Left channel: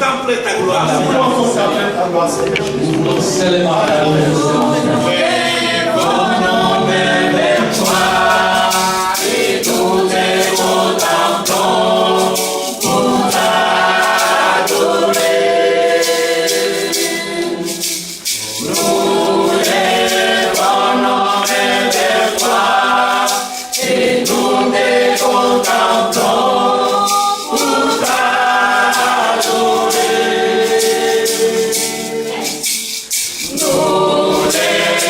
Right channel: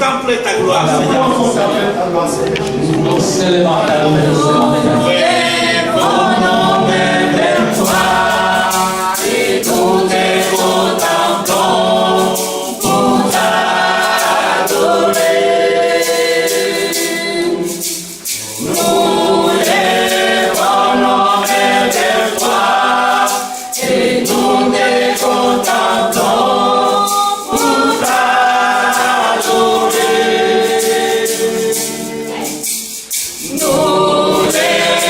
contempler ta gloire, Seigneur. Nous célébrons ta gloire. Vers toi, et nous te contemplons pour t'adorer. Nous lèvons nos mains vers toi, et nous te contemplons pour t'adorer. Nous lèvons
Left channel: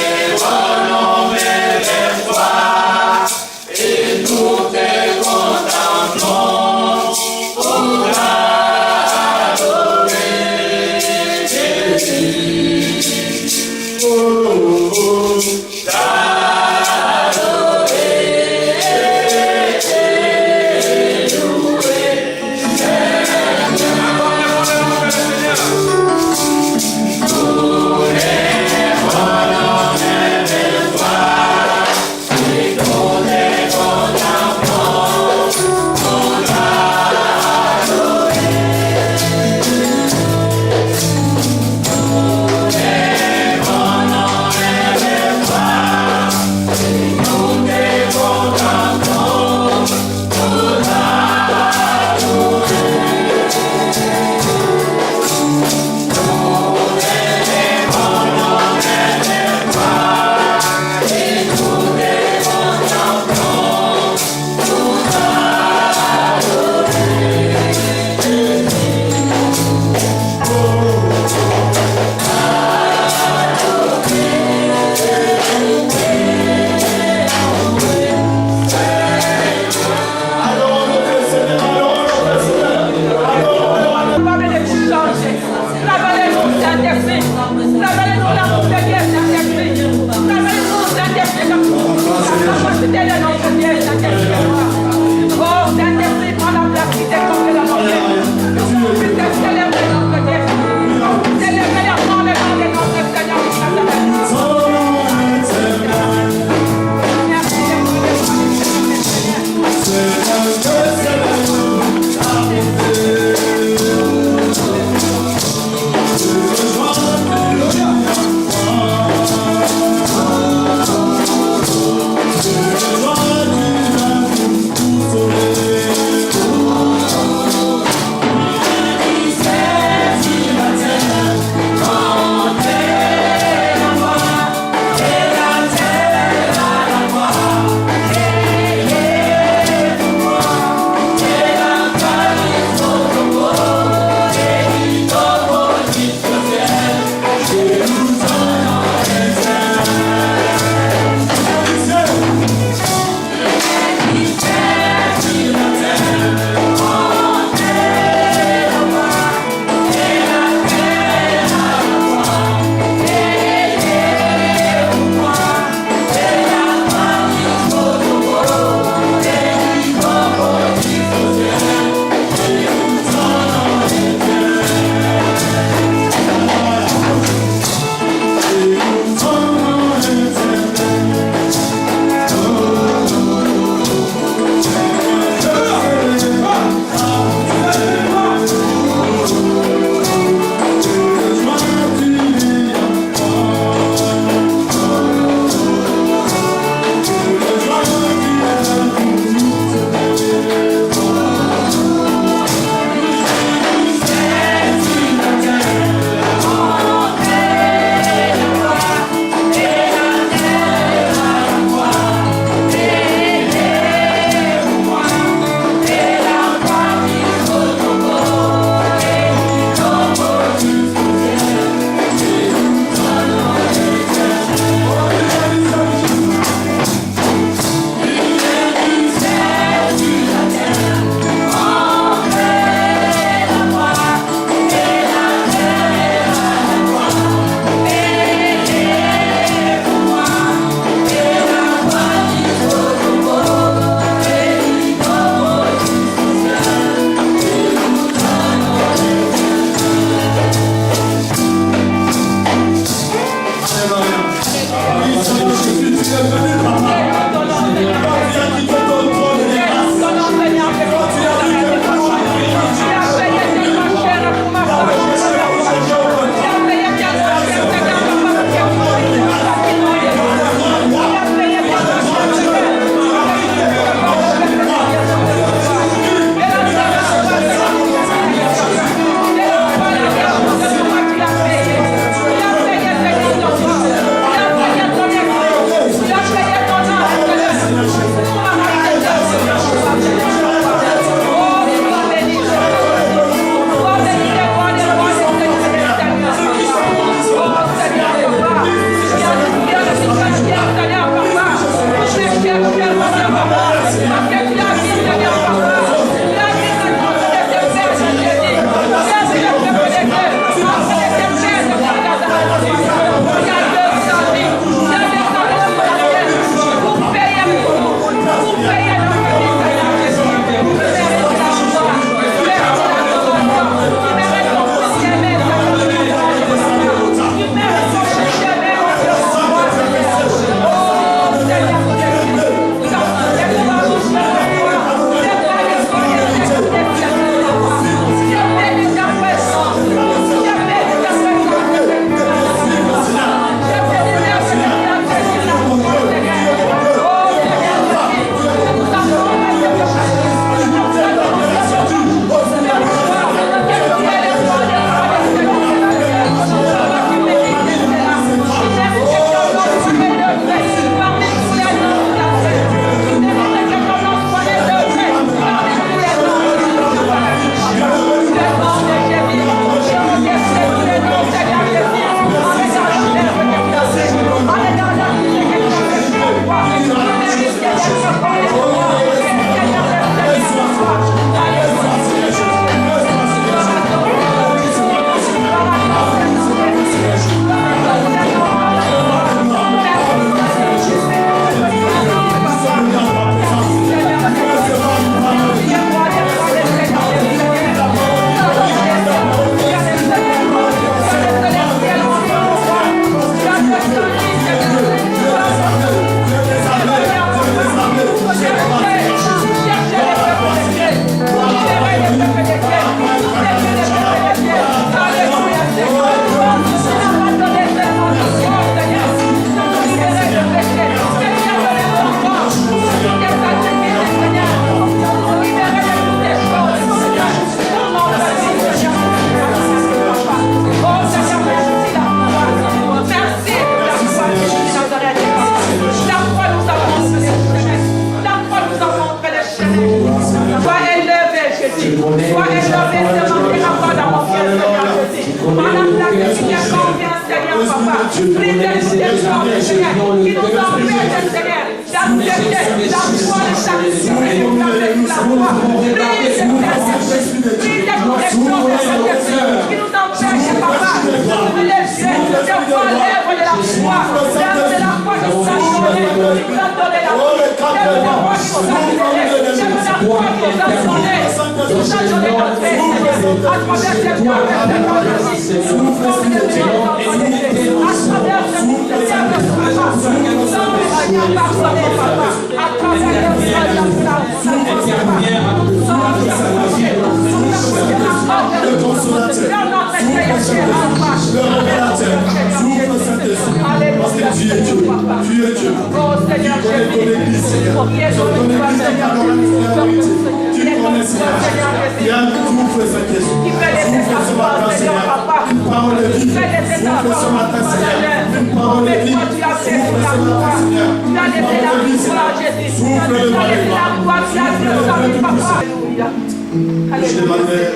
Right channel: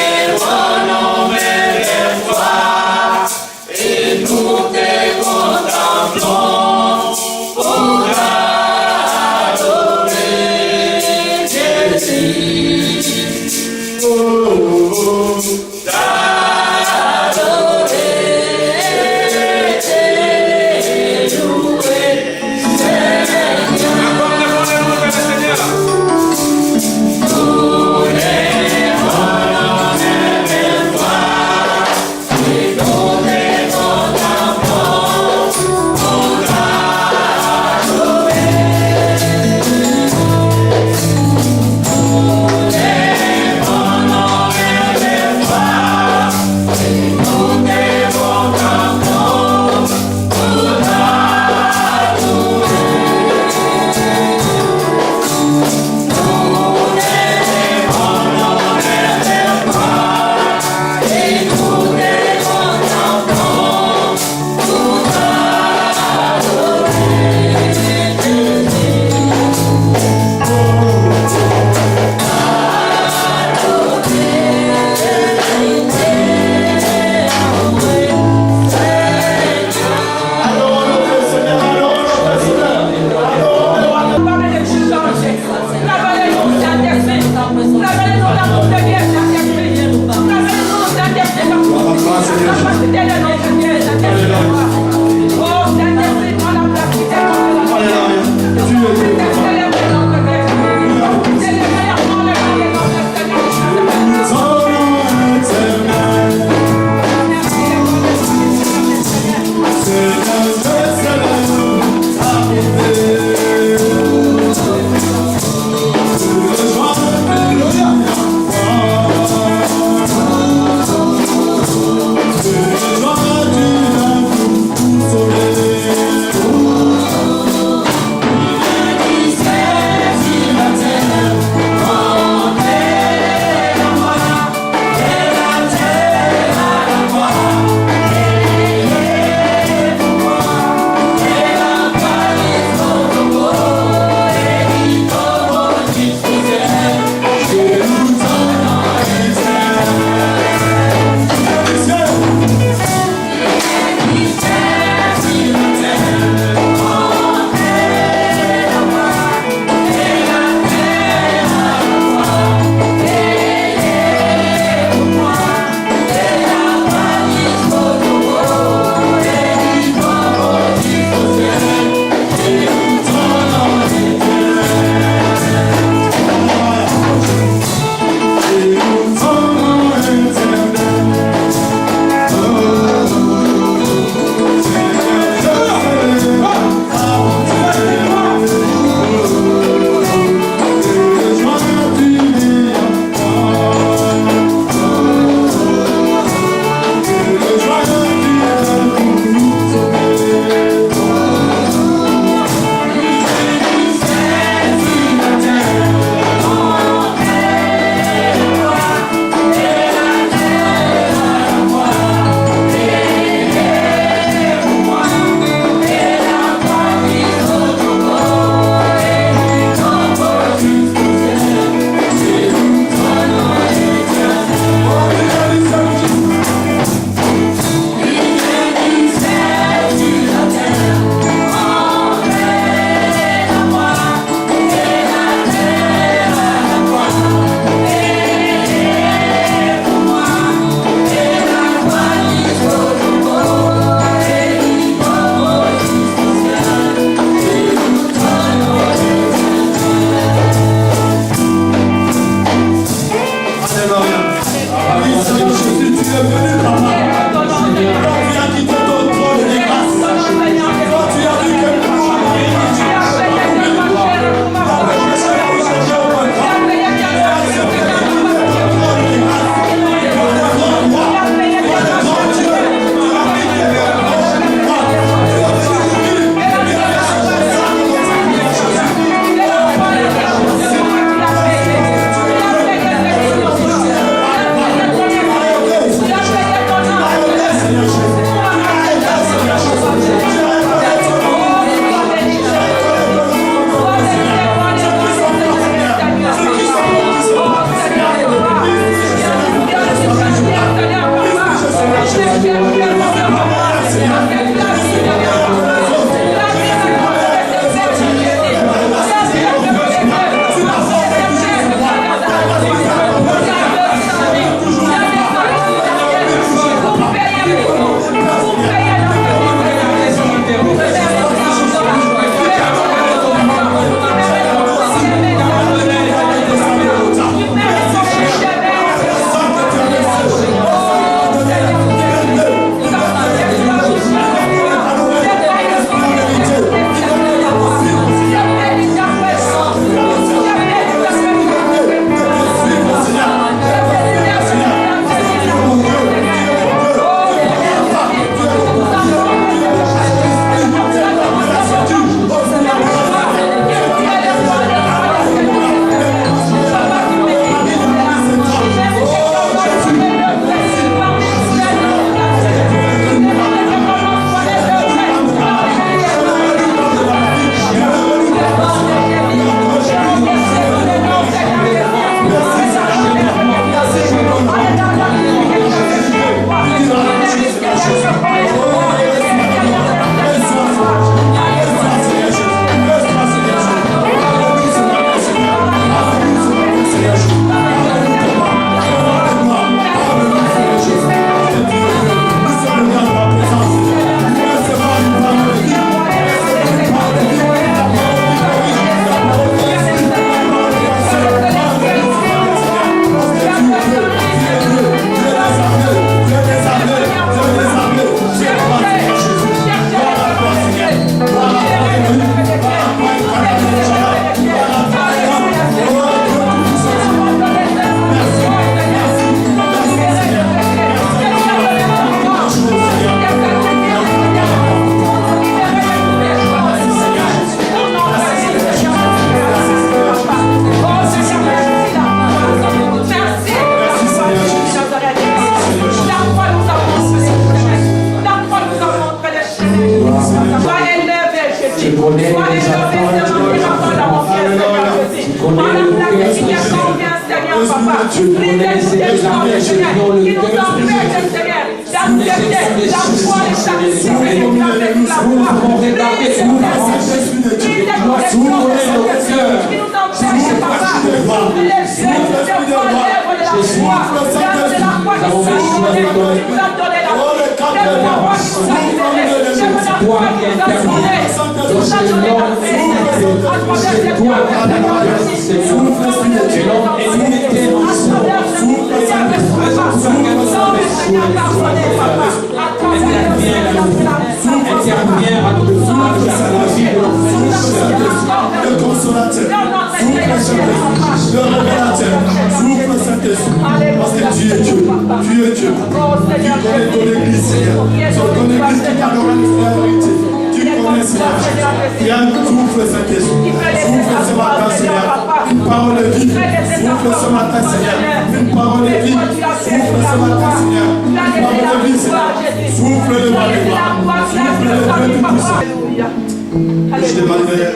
Je demanderai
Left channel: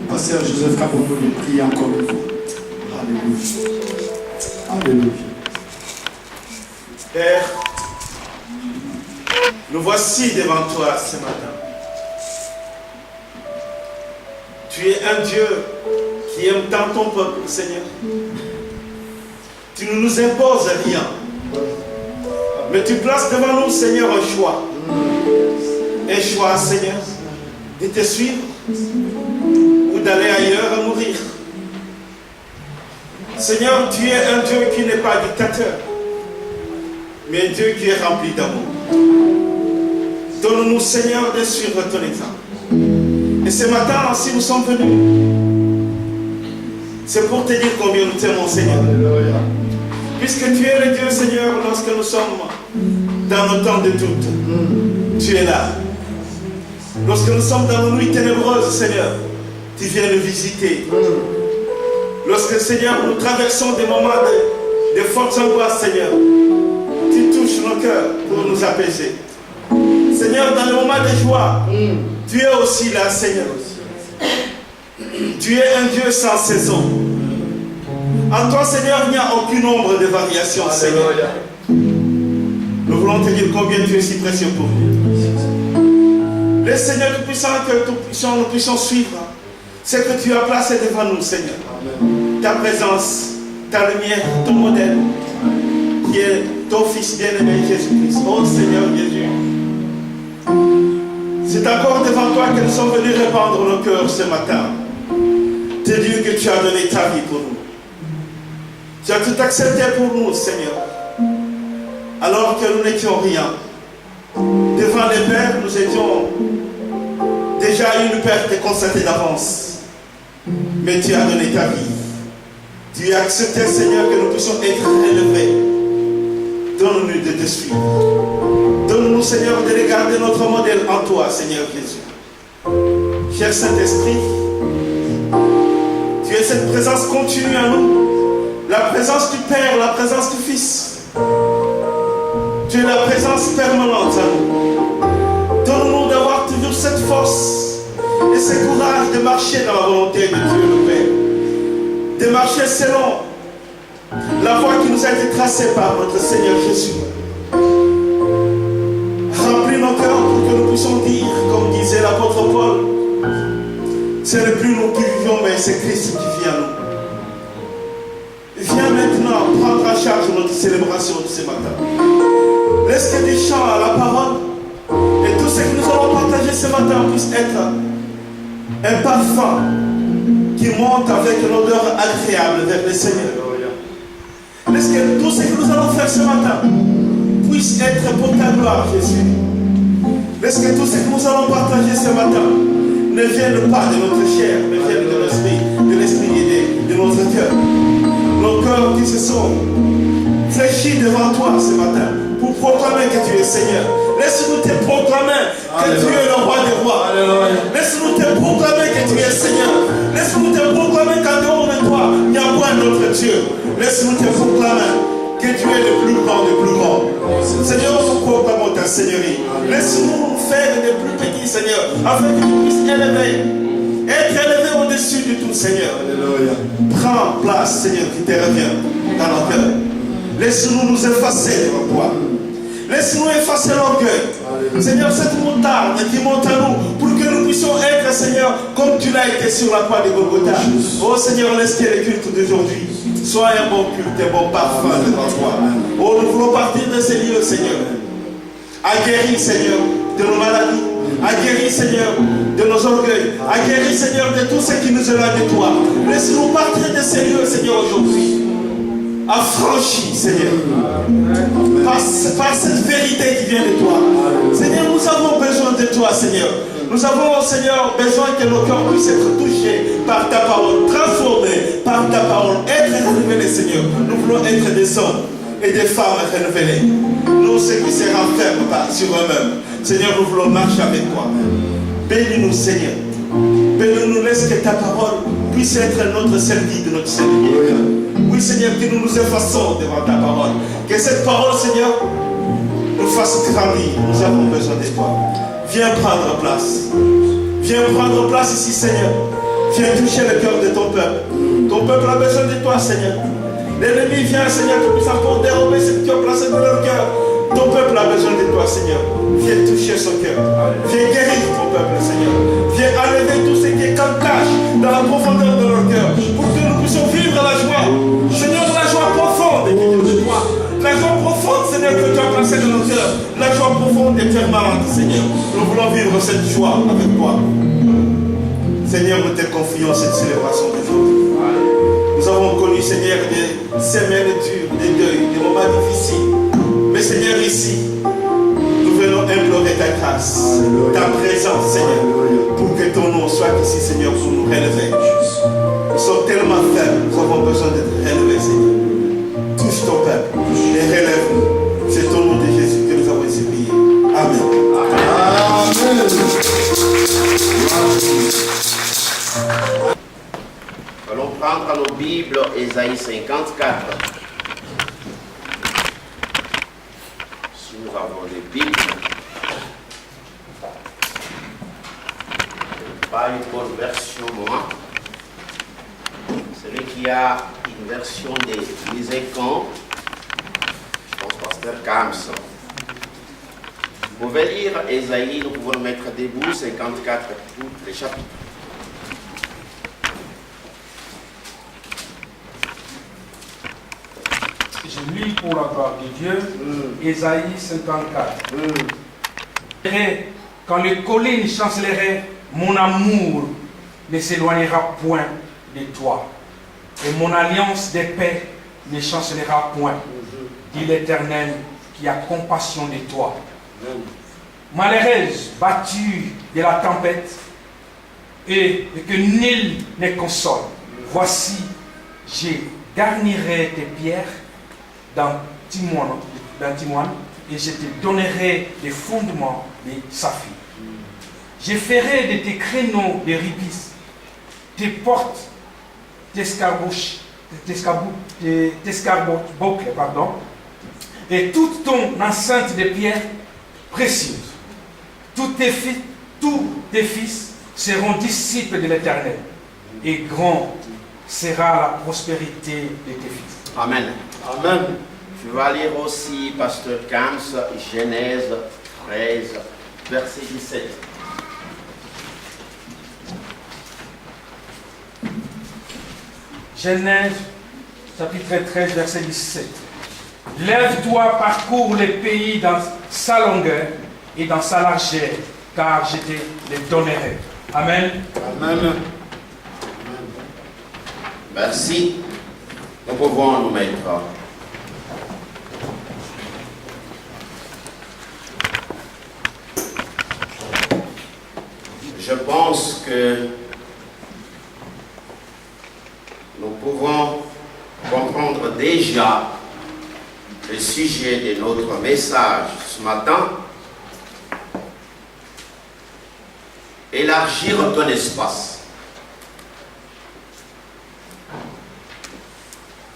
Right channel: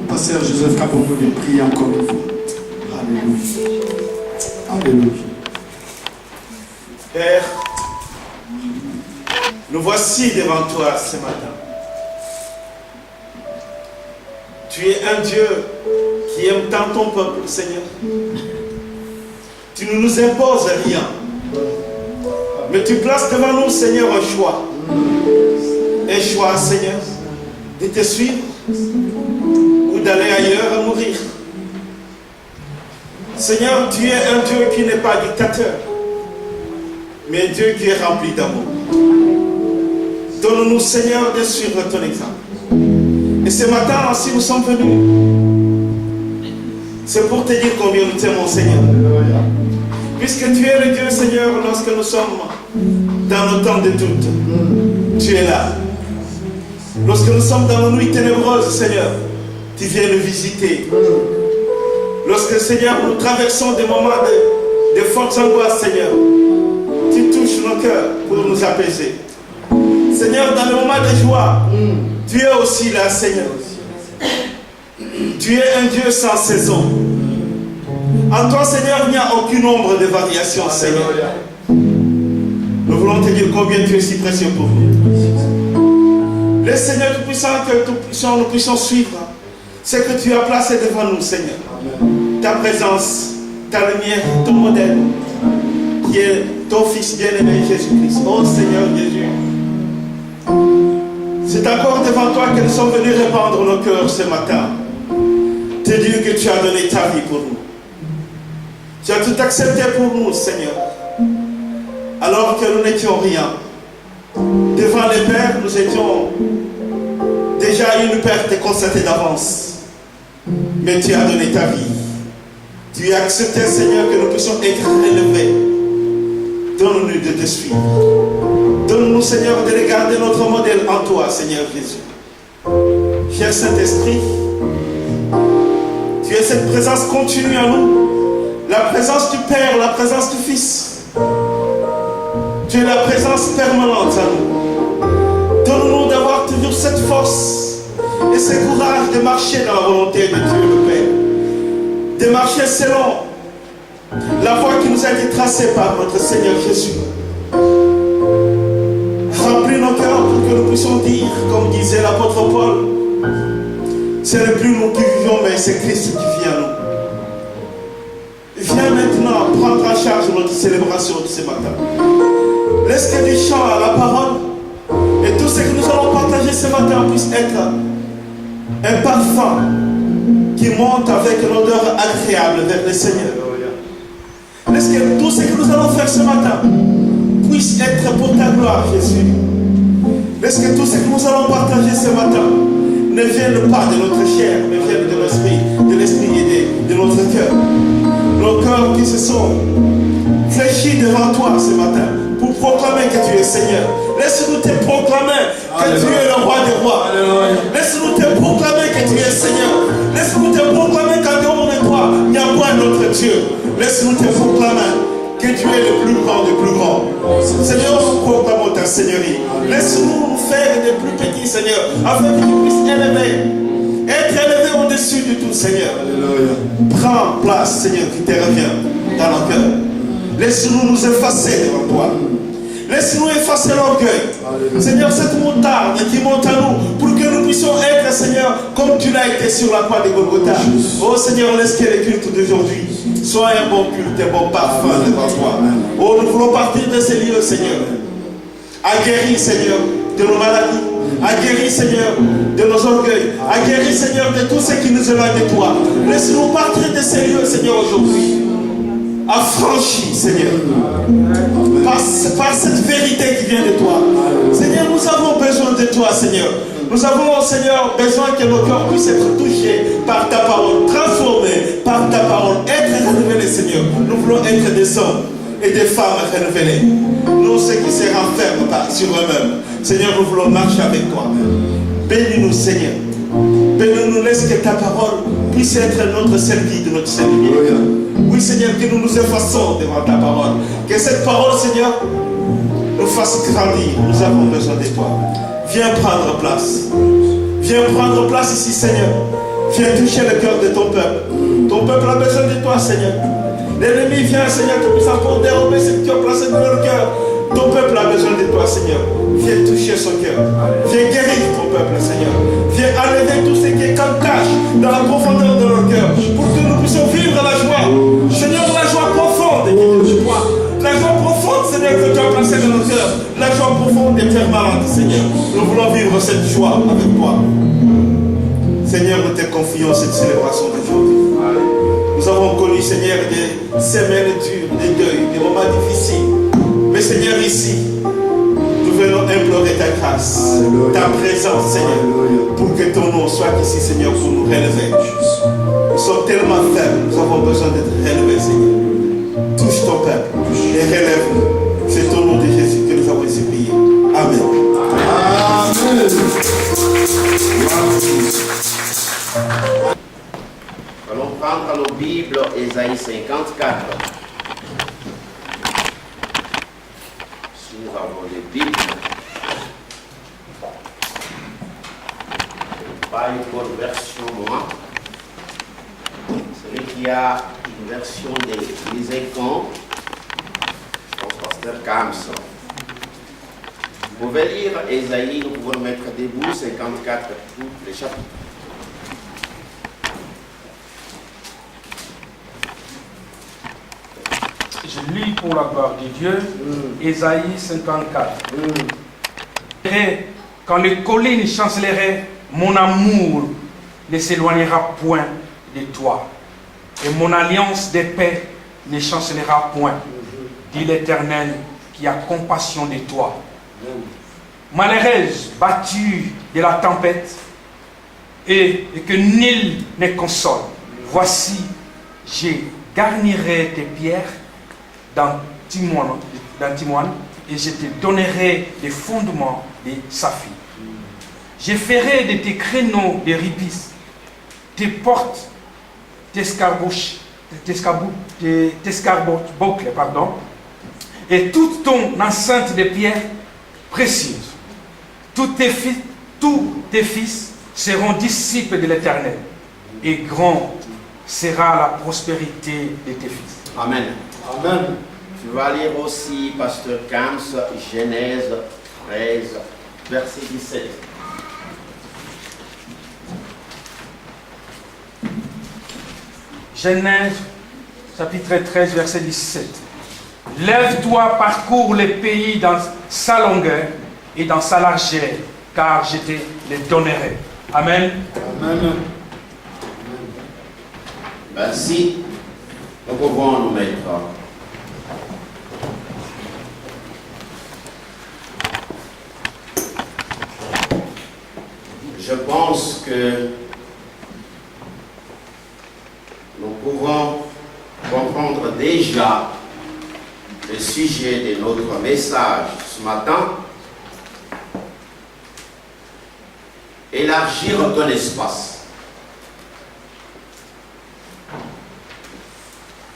au pasteur Joseph Kabobo de prier encore une fois. Alléluia. Alléluia. Père, nous voici devant toi ce matin. Tu es un Dieu qui aime tant ton peuple, Seigneur. Tu ne nous imposes rien. Mais tu places devant nous, Seigneur, un choix. Un choix, Seigneur, de te suivre ou d'aller ailleurs à mourir. Seigneur, tu es un Dieu qui n'est pas dictateur, mais un Dieu qui est rempli d'amour. Donne-nous, Seigneur, de suivre ton exemple. Et ce matin, si nous sommes venus, c'est pour te dire combien nous t'aimons, Seigneur. Puisque tu es le Dieu, Seigneur, lorsque nous sommes dans nos temps de doute, tu es là. Lorsque nous sommes dans nos nuits ténébreuses, Seigneur, tu viens nous visiter. Lorsque, Seigneur, nous traversons des moments de fortes angoisses, Seigneur, tu touches nos cœurs pour nous apaiser. Seigneur, dans les moments de joie, tu es aussi là, Seigneur. Tu es un Dieu sans saison. En toi, Seigneur, il n'y a aucune ombre de variation, Seigneur. Nous voulons te dire combien tu es si précieux pour nous. Le Seigneur Tout-Puissant, que nous puissions suivre ce que tu as placé devant nous, Seigneur. Ta présence, ta lumière, ton modèle, qui est ton Fils bien-aimé Jésus-Christ. Oh Seigneur Jésus, c'est encore devant toi que nous sommes venus répandre nos cœurs ce matin. Te dire que tu as donné ta vie pour nous. Tu as tout accepté pour nous, Seigneur. Alors que nous n'étions rien. Devant les pères, nous étions déjà une perte constatée d'avance. Mais tu as donné ta vie. Tu as accepté, Seigneur, que nous puissions être élevés. Donne-nous de te suivre. Donne-nous, Seigneur, de regarder notre modèle en toi, Seigneur Jésus. Cher Saint-Esprit, tu es cette présence continue en nous. La présence du Père, la présence du Fils. Tu es la présence permanente en nous. Donne-nous d'avoir toujours cette force et ce courage de marcher dans la volonté de Dieu le Père. De marcher selon la voie qui nous a été tracée par notre Seigneur Jésus. Remplis nos cœurs pour que nous puissions dire, comme disait l'apôtre Paul, ce n'est plus nous qui vivons, mais c'est Christ qui vit en nous. Viens maintenant prendre en charge notre célébration de ce matin. Laisse que du chant à la parole et tout ce que nous allons partager ce matin puisse être un parfum qui monte avec une odeur agréable vers le Seigneur. Laisse que tout ce que nous allons faire ce matin puisse être pour ta gloire, Jésus. Laisse que tout ce que nous allons partager ce matin ne vienne pas de notre chair, mais vienne de l'esprit et de notre cœur. Nos cœurs qui se sont fléchis devant toi ce matin pour proclamer que tu es Seigneur. Laisse-nous te proclamer que tu es le roi des rois. Laisse-nous te proclamer que tu es Seigneur. Laisse-nous te proclamer qu'en dehors de toi, il n'y a pas notre Dieu. Laisse-nous te proclamer que tu es le plus grand des plus grands. Seigneur, nous proclamons ta Seigneurie. Laisse-nous faire des plus petits, Seigneur, afin que tu puisses élever Être élevé au-dessus de tout, Seigneur. Alléluia. Prends place, Seigneur, qui te revient dans nos cœurs. Laisse-nous nous effacer devant toi. Laisse-nous effacer l'orgueil. Seigneur, cette montagne qui monte à nous pour que nous puissions être, Seigneur, comme tu l'as été sur la croix de Golgotha. Oh Seigneur, laisse que le culte d'aujourd'hui soit un bon culte, un bon parfum devant toi. Oh, nous voulons partir de ces lieux, Seigneur. Aguerris, Seigneur, de nos maladies. Aguerris, Seigneur, de nos orgueils. Aguerris, Seigneur, de tout ce qui nous éloigne de toi. Laisse-nous partir de ces lieux, Seigneur, aujourd'hui. Affranchis, Seigneur, par cette vérité qui vient de toi. Seigneur, nous avons besoin de toi, Seigneur. Nous avons, Seigneur, besoin que nos cœurs puissent être touchés par ta parole, transformés par ta parole, être révélés, Seigneur. Nous voulons être des hommes et des femmes révélés. Nous, ceux qui se renferment sur eux-mêmes. Seigneur, nous voulons marcher avec toi. Bénis-nous, Seigneur. Bénis-nous, laisse que ta parole puisse être notre seul guide, notre seul guide. Oui, Seigneur, que nous nous effaçons devant ta parole. Que cette parole, Seigneur, nous fasse grandir. Nous avons besoin de toi. Viens prendre place. Viens prendre place ici, Seigneur. Viens toucher le cœur de ton peuple. Ton peuple a besoin de toi, Seigneur. L'ennemi vient, Seigneur, tout puissant pour dérober ce que tu as placé dans leur cœur. Ton peuple a besoin de toi, Seigneur. Viens toucher son cœur. Viens guérir ton peuple, Seigneur. Viens enlever tout ce qui est comme tâche dans la profondeur de leur cœur pour que nous puissions vivre la joie. Seigneur, la joie profonde qui vient de toi. La joie profonde, Seigneur, que tu as placée dans nos cœurs. La joie profonde et permanente, Seigneur. Nous voulons vivre cette joie avec toi. Seigneur, nous te confions cette célébration d'aujourd'hui. Nous avons connu, Seigneur, des semaines dures, des deuils, des moments difficiles. Mais Seigneur, ici, nous venons implorer ta grâce, ta présence, Seigneur, pour que ton nom soit ici, Seigneur, pour nous relever. Nous sommes tellement faibles, nous avons besoin d'être relevés, Seigneur. Touche ton peuple et relève-nous. C'est au nom de Jésus que nous avons ici prié. Amen. Amen. Allons prendre nos Bibles, Ésaïe 54. Si nous avons des Bibles, pas une bonne version, moi. Celui qui a une version des Lysécans, je pense Pasteur Kams. Vous pouvez lire Ésaïe, nous pouvons nous mettre debout, 54, tous les chapitres. Je lis pour la gloire de Dieu, Ésaïe 54. Quand les collines chanceleraient, mon amour ne s'éloignera point de toi. Et mon alliance de paix ne chancelera point, dit l'Éternel qui a compassion de toi. Malheureuse, battue de la tempête, et que nul ne console. Voici, je garnirai tes pierres dans Timoine, et je te donnerai des fondements de saphir. Je ferai de tes créneaux de rubis, tes portes d'escarboucle, et toute ton enceinte de pierres précieuses. Tous tes fils seront disciples de l'Éternel, et grand sera la prospérité de tes fils. Amen. Amen. Je vais lire aussi, Pasteur Kams, Genèse 13, verset 17. Genèse, chapitre 13, verset 17. Lève-toi, parcours les pays dans sa longueur et dans sa largeur, car je te les donnerai. Amen. Amen. Merci. Nous pouvons nous mettre. Je pense que nous pouvons comprendre déjà le sujet de notre message ce matin. Élargir ton espace.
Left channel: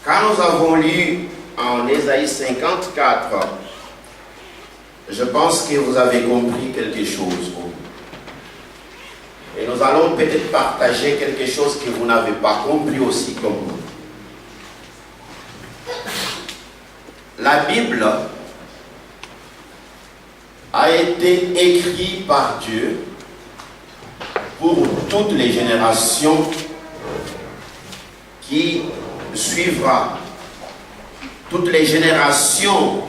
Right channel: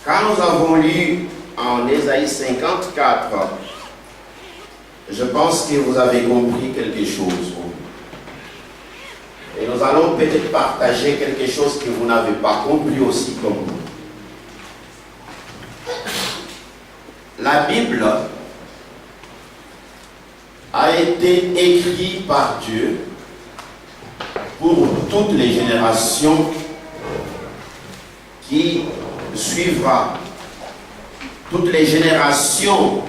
Quand nous avons lu en Ésaïe 54, je pense que vous avez compris quelque chose. Et nous nous allons peut-être partager quelque chose que vous n'avez pas compris aussi comme moi. La Bible a été écrite par Dieu pour toutes les générations qui suivra, toutes les générations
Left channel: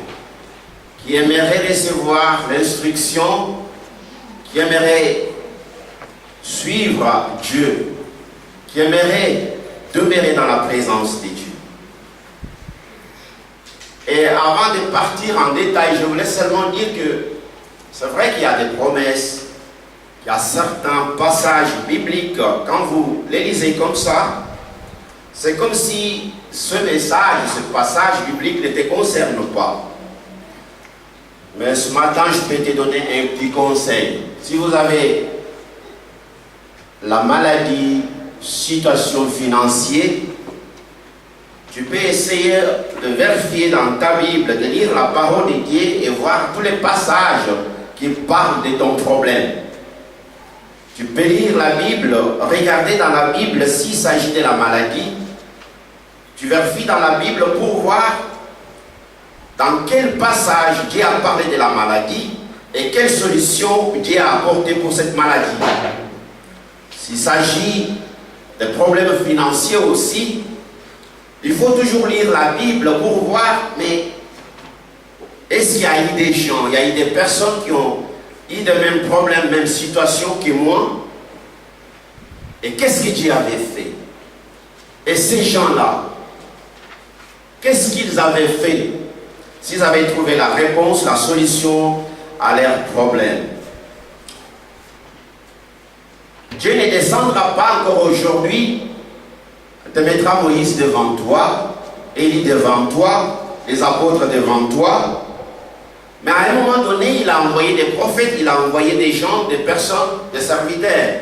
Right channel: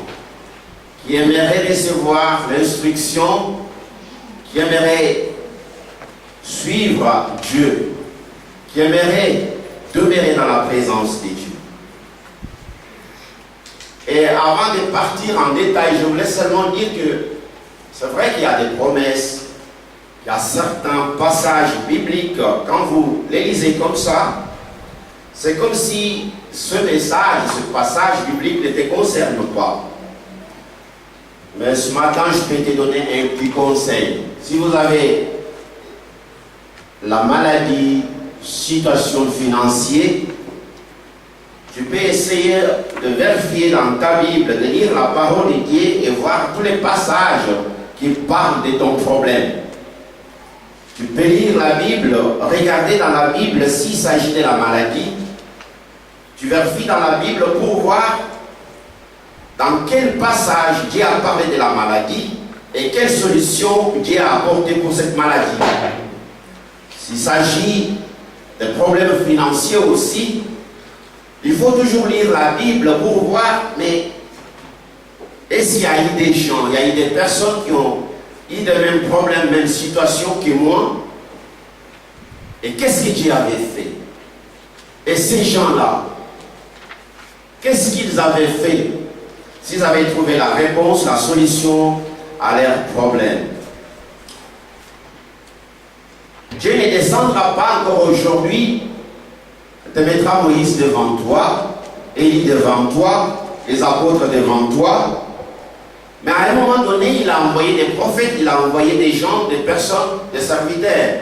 qui aimeraient recevoir l'instruction, qui aimeraient suivre Dieu, qui aimeraient demeurer dans la présence de Dieu. Et avant de partir en détail, je voulais seulement dire que c'est vrai qu'il y a des promesses, il y a certains passages bibliques, quand vous les lisez comme ça, c'est comme si ce message, ce passage biblique ne te concerne pas. Mais ce matin, je peux te donner un petit conseil. Si vous avez la maladie, situation financière, tu peux essayer de vérifier dans ta Bible, de lire la parole de Dieu et voir tous les passages qui parlent de ton problème. Tu peux lire la Bible, regarder dans la Bible s'il s'agit de la maladie. Tu vérifies dans la Bible pour voir dans quel passage Dieu a parlé de la maladie et quelle solution Dieu a apporté pour cette maladie. S'il s'agit de problèmes financiers aussi, il faut toujours lire la Bible pour voir, mais est-ce qu'il y a eu des gens, il y a eu des personnes qui ont eu les mêmes problèmes, même situation que moi, et qu'est-ce que Dieu avait fait? Et ces gens-là, qu'est-ce qu'ils avaient fait s'ils avaient trouvé la réponse, la solution à leurs problèmes? Dieu ne descendra pas encore aujourd'hui, te mettra Moïse devant toi, Élie devant toi, les apôtres devant toi. Mais à un moment donné, il a envoyé des prophètes, il a envoyé des gens, des personnes, des serviteurs.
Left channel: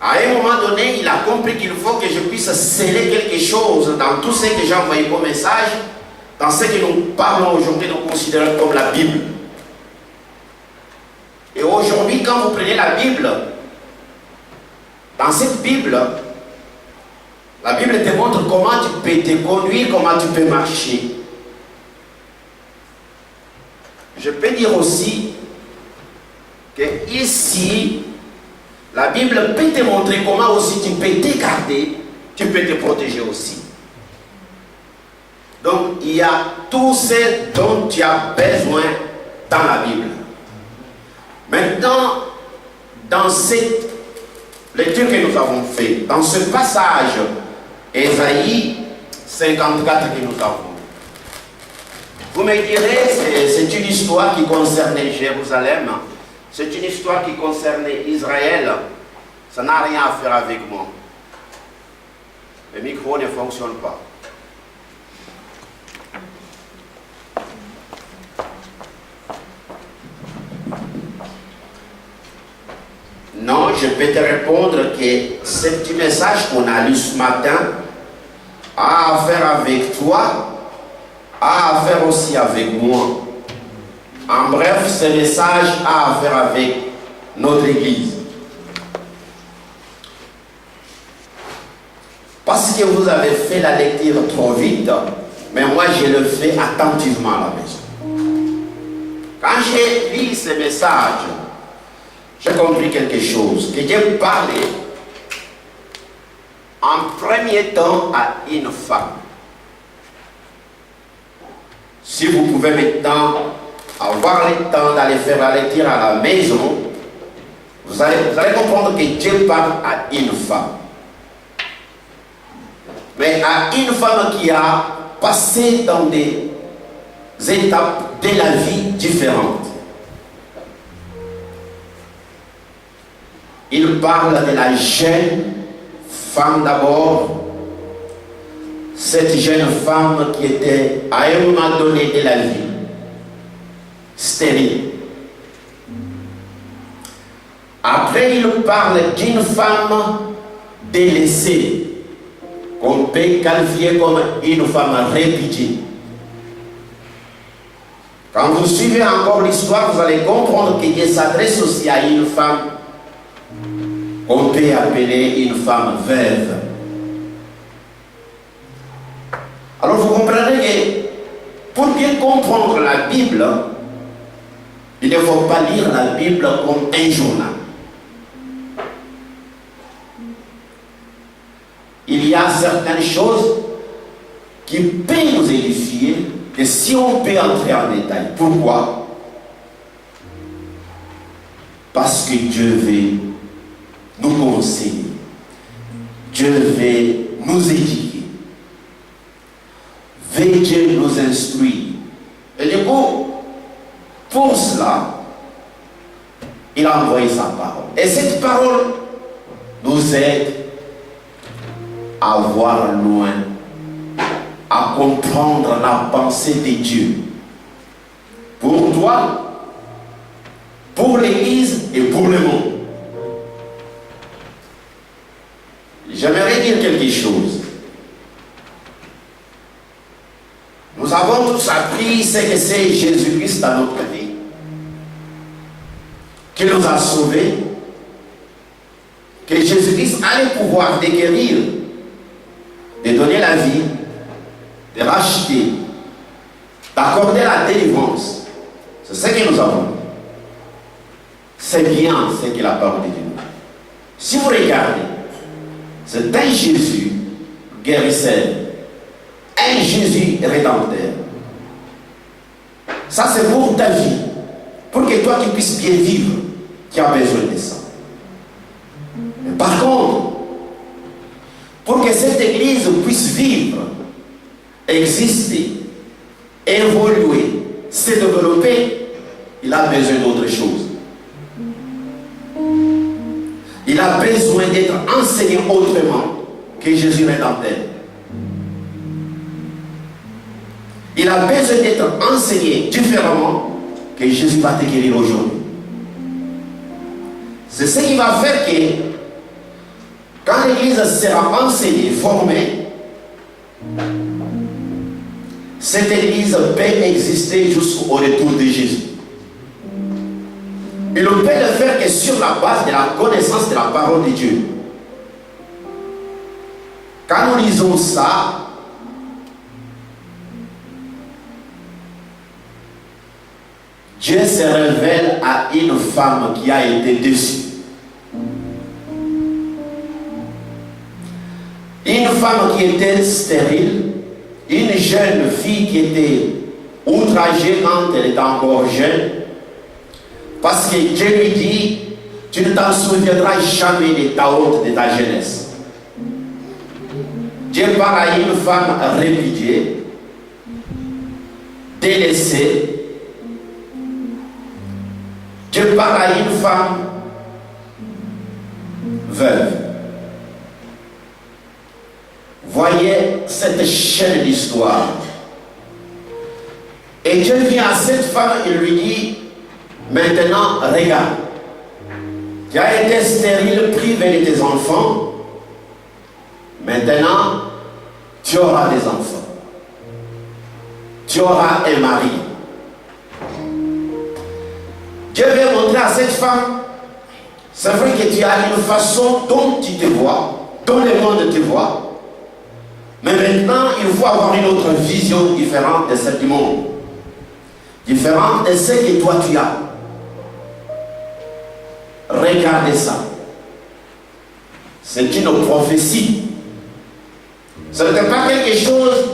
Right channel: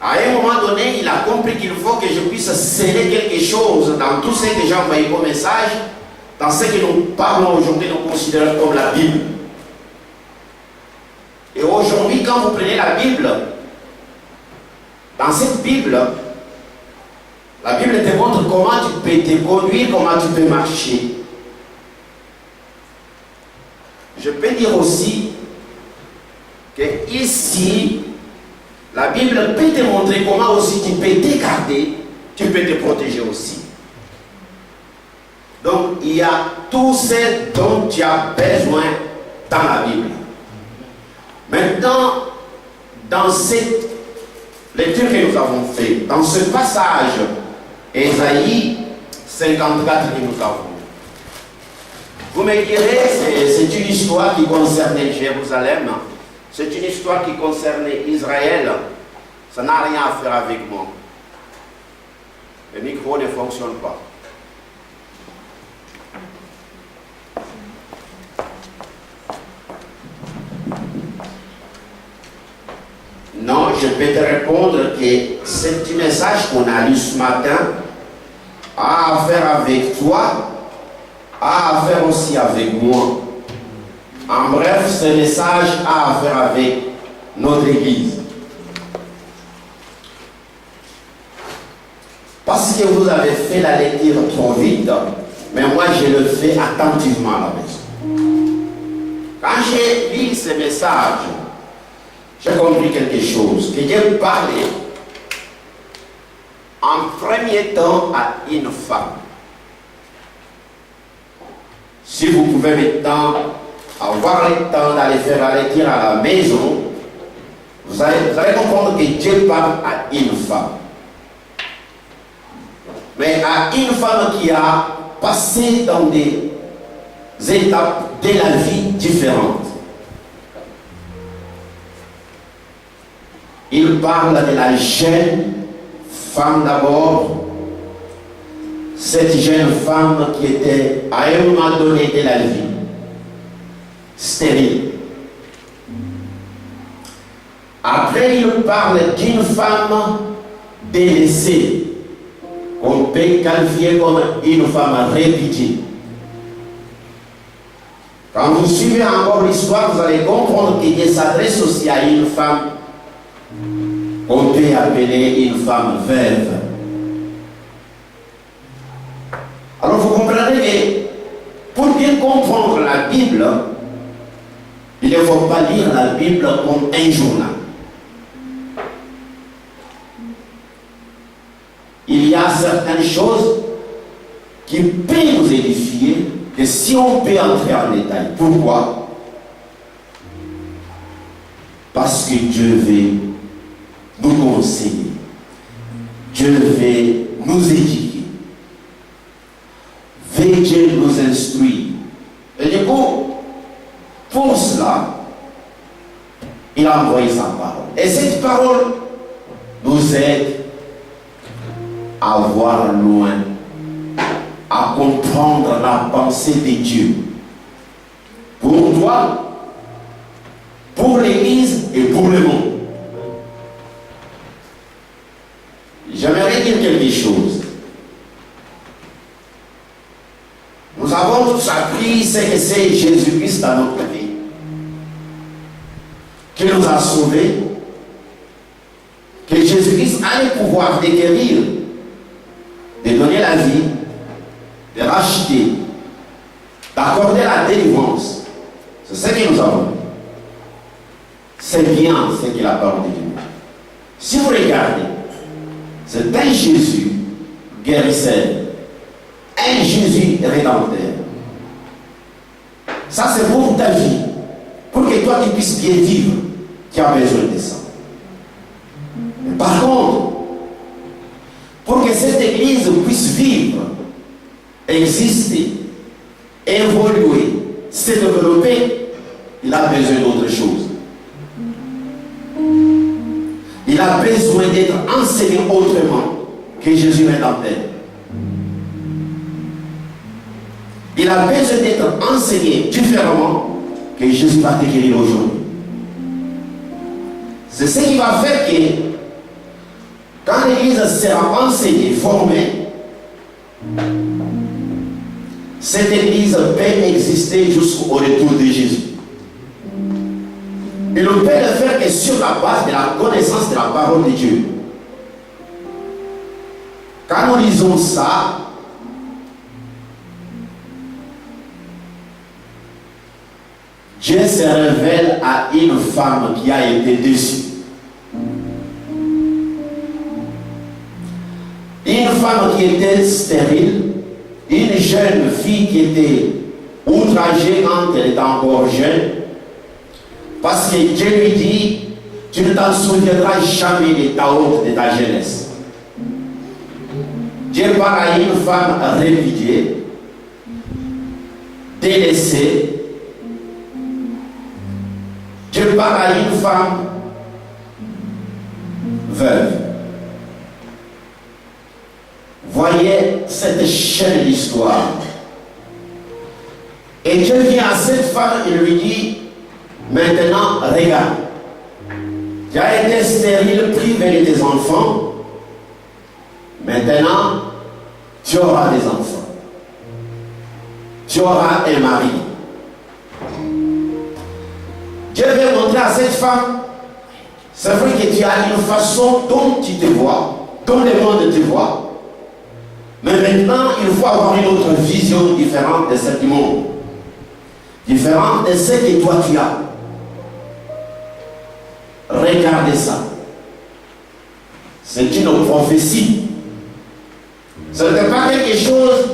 À un moment donné, il a compris qu'il faut que je puisse sceller quelque chose dans tout ce que j'ai envoyé comme message, dans ce que nous parlons aujourd'hui, nous considérons comme la Bible. Et aujourd'hui, quand vous prenez la Bible, dans cette Bible, la Bible te montre comment tu peux te conduire, comment tu peux marcher. Je peux dire aussi que ici, la Bible peut te montrer comment aussi tu peux te garder, tu peux te protéger aussi. Donc, il y a tout ce dont tu as besoin dans la Bible. Maintenant, dans cette lecture que nous avons faite, dans ce passage, Ésaïe 54 que nous avons. Vous me direz, c'est une histoire qui concernait Jérusalem, c'est une histoire qui concernait Israël, ça n'a rien à faire avec moi. Le micro ne fonctionne pas. Non, je peux te répondre que ce petit message qu'on a lu ce matin a à faire avec toi, a à faire aussi avec moi. En bref, ce message a à faire avec notre Église. Parce que vous avez fait la lecture trop vite, mais moi je le fais attentivement à la maison. Quand j'ai lu ce message, j'ai compris quelque chose, que Dieu parlait en premier temps à une femme. Si vous pouvez maintenant avoir le temps d'aller faire la lecture à la maison, vous allez comprendre que Dieu parle à une femme. Mais à une femme qui a passé dans des étapes de la vie différentes. Il parle de la jeune femme d'abord, cette jeune femme qui était à un moment donné de la vie stérile. Après, il parle d'une femme délaissée, qu'on peut qualifier comme une femme répudiée. Quand vous suivez encore l'histoire, vous allez comprendre qu'il s'adresse aussi à une femme qu'on peut appeler une femme veuve. Alors vous comprenez que pour bien comprendre la Bible, il ne faut pas lire la Bible comme un journal. Il y a certaines choses qui peuvent nous édifier, et si on peut entrer en détail. Pourquoi? Parce que Dieu veut nous conseiller. Dieu veut nous éduquer. Veut Dieu nous instruire. Et du coup, pour cela, il a envoyé sa parole. Et cette parole nous aide à voir loin, à comprendre la pensée de Dieu. Pour toi, pour l'Église et pour le monde. J'aimerais dire quelque chose. Nous avons tous appris ce que c'est Jésus-Christ dans notre vie, qui nous a sauvés, que Jésus-Christ a le pouvoir de guérir, de donner la vie, de racheter, d'accorder la délivrance. C'est ce que nous avons. C'est bien ce que la parole de Dieu nous dit. Si vous regardez, c'est un Jésus guérisseur, un Jésus rédempteur. Ça c'est pour ta vie, pour que toi tu puisses bien vivre, tu as besoin de ça. Mais par contre, pour que cette église puisse vivre, exister, évoluer, se développer, il a besoin d'autre chose. Il a besoin d'être enseigné autrement que Jésus rédempteur. Il a besoin d'être enseigné différemment que Jésus va te guérir aujourd'hui. C'est ce qui va faire que quand l'église sera enseignée, formée, cette église peut exister jusqu'au retour de Jésus. Il ne peut le faire que sur la base de la connaissance de la parole de Dieu. Quand nous lisons ça, Dieu se révèle à une femme qui a été déçue. Une femme qui était stérile, une jeune fille qui était outragée quand elle était encore jeune, parce que Dieu lui dit, tu ne t'en souviendras jamais de ta honte, de ta jeunesse. Dieu parle à une femme répudiée, délaissée. Dieu parle à une femme veuve. Voyez cette chaîne d'histoire. Et Dieu vient à cette femme et lui dit, maintenant, regarde, tu as été stérile, privé de tes enfants. Maintenant, tu auras des enfants. Tu auras un mari. Dieu veut montrer à cette femme, c'est vrai que tu as une façon dont tu te vois, dont le monde te voit. Mais maintenant, il faut avoir une autre vision différente de ce monde. Différente de ce que toi tu as. Regardez ça. C'est une prophétie. Ce n'était pas quelque chose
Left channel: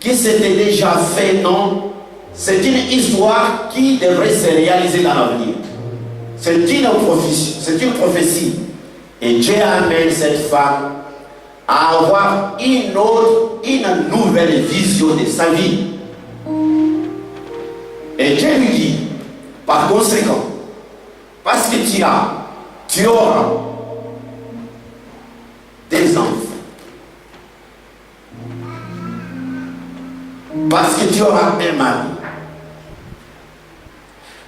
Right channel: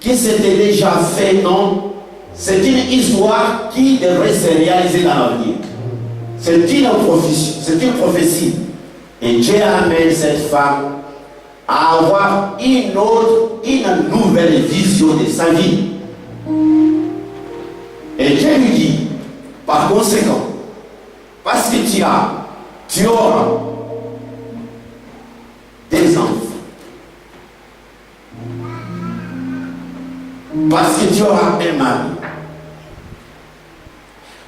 qui s'était déjà fait, non. C'est une histoire qui devrait se réaliser dans l'avenir. C'est une prophétie. Et Dieu amène cette femme à avoir une nouvelle vision de sa vie. Et Dieu lui dit, par conséquent, parce que tu auras des enfants. Parce que tu auras un mari.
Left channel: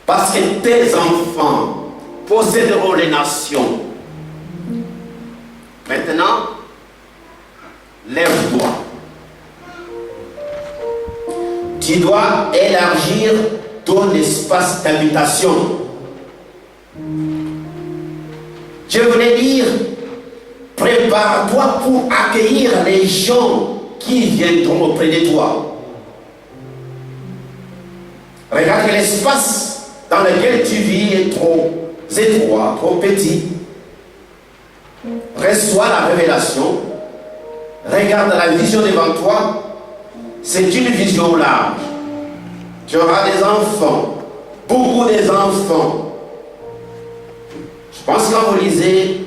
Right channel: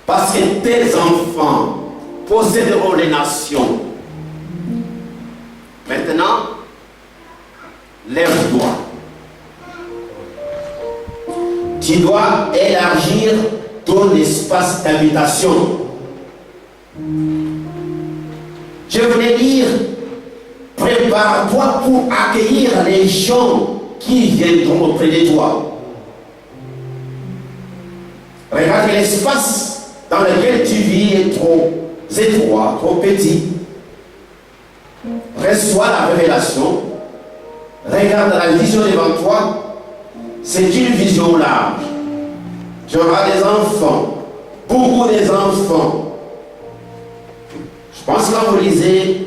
Parce que tes enfants posséderont les nations. Maintenant, lève-toi. Tu dois élargir ton espace d'habitation. Je voulais dire, prépare-toi pour accueillir les gens qui viendront auprès de toi. Regarde l'espace dans lequel tu vis est trop étroit, trop petit. Reçois la révélation. Regarde la vision devant toi. C'est une vision large. Tu auras des enfants, beaucoup des enfants. Je pense que quand vous lisez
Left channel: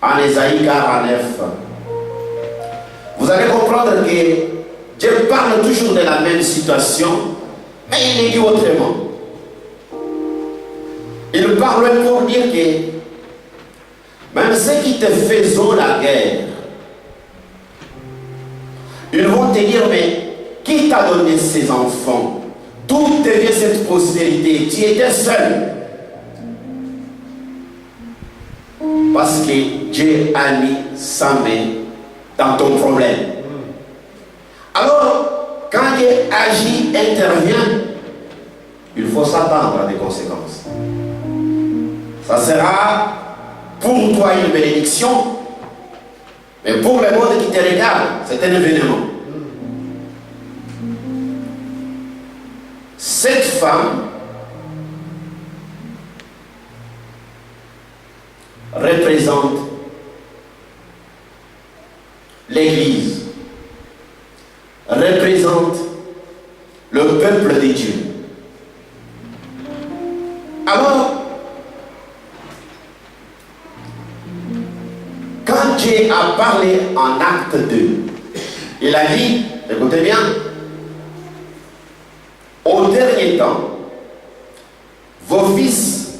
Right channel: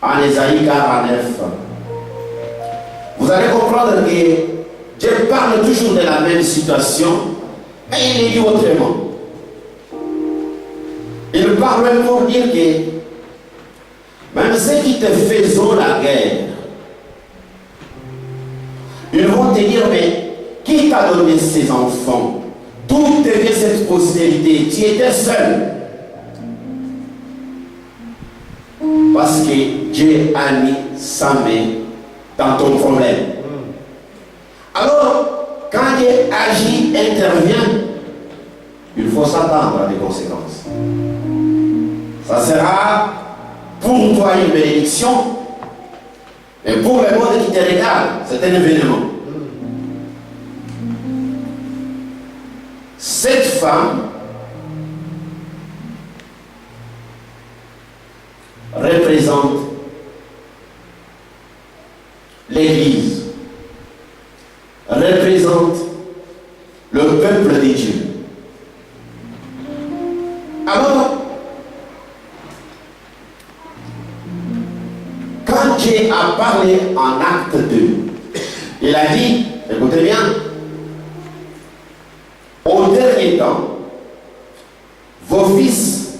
en Ésaïe 49, vous allez comprendre que Dieu parle toujours de la même situation, mais il est dit autrement. Il parle pour dire que même ceux qui te faisaient la guerre, ils vont te dire, mais qui t'a donné ces enfants? D'où te vient cette postérité? Tu étais seul. Parce que Dieu a mis sa main dans ton problème. Alors, quand Dieu agit, intervient, il faut s'attendre à des conséquences. Ça sera pour toi une bénédiction, mais pour le monde qui te regarde, c'est un événement. Cette femme représente l'Église, représente le peuple de Dieu. Alors, quand Dieu a parlé en acte 2, il a dit, écoutez bien, au dernier temps, vos fils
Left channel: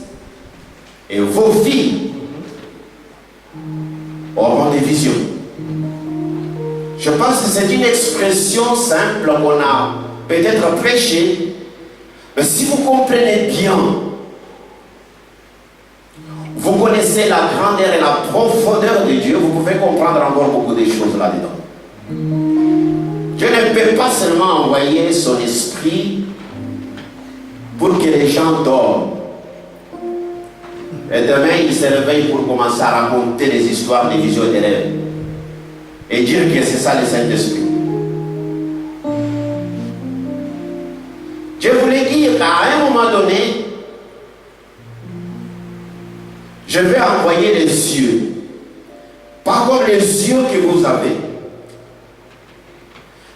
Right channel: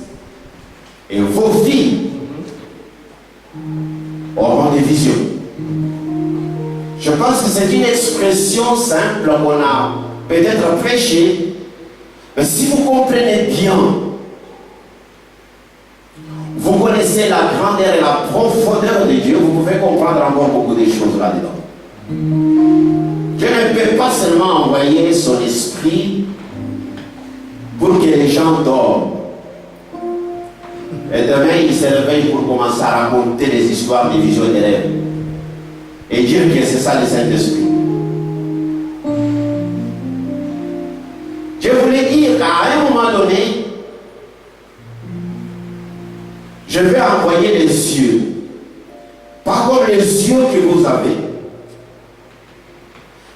et vos filles auront des visions. Je pense que c'est une expression simple qu'on a peut-être prêchée, mais si vous comprenez bien, vous connaissez la grandeur et la profondeur de Dieu, vous pouvez comprendre encore beaucoup de choses là-dedans. Dieu ne peut pas seulement envoyer son esprit pour que les gens dorment. Et demain, ils se réveillent pour commencer à raconter des histoires, des visions et des rêves. Et dire que c'est ça le Saint-Esprit. Je voulais dire qu'à un moment donné, je vais envoyer les yeux. Pas comme les yeux que vous avez.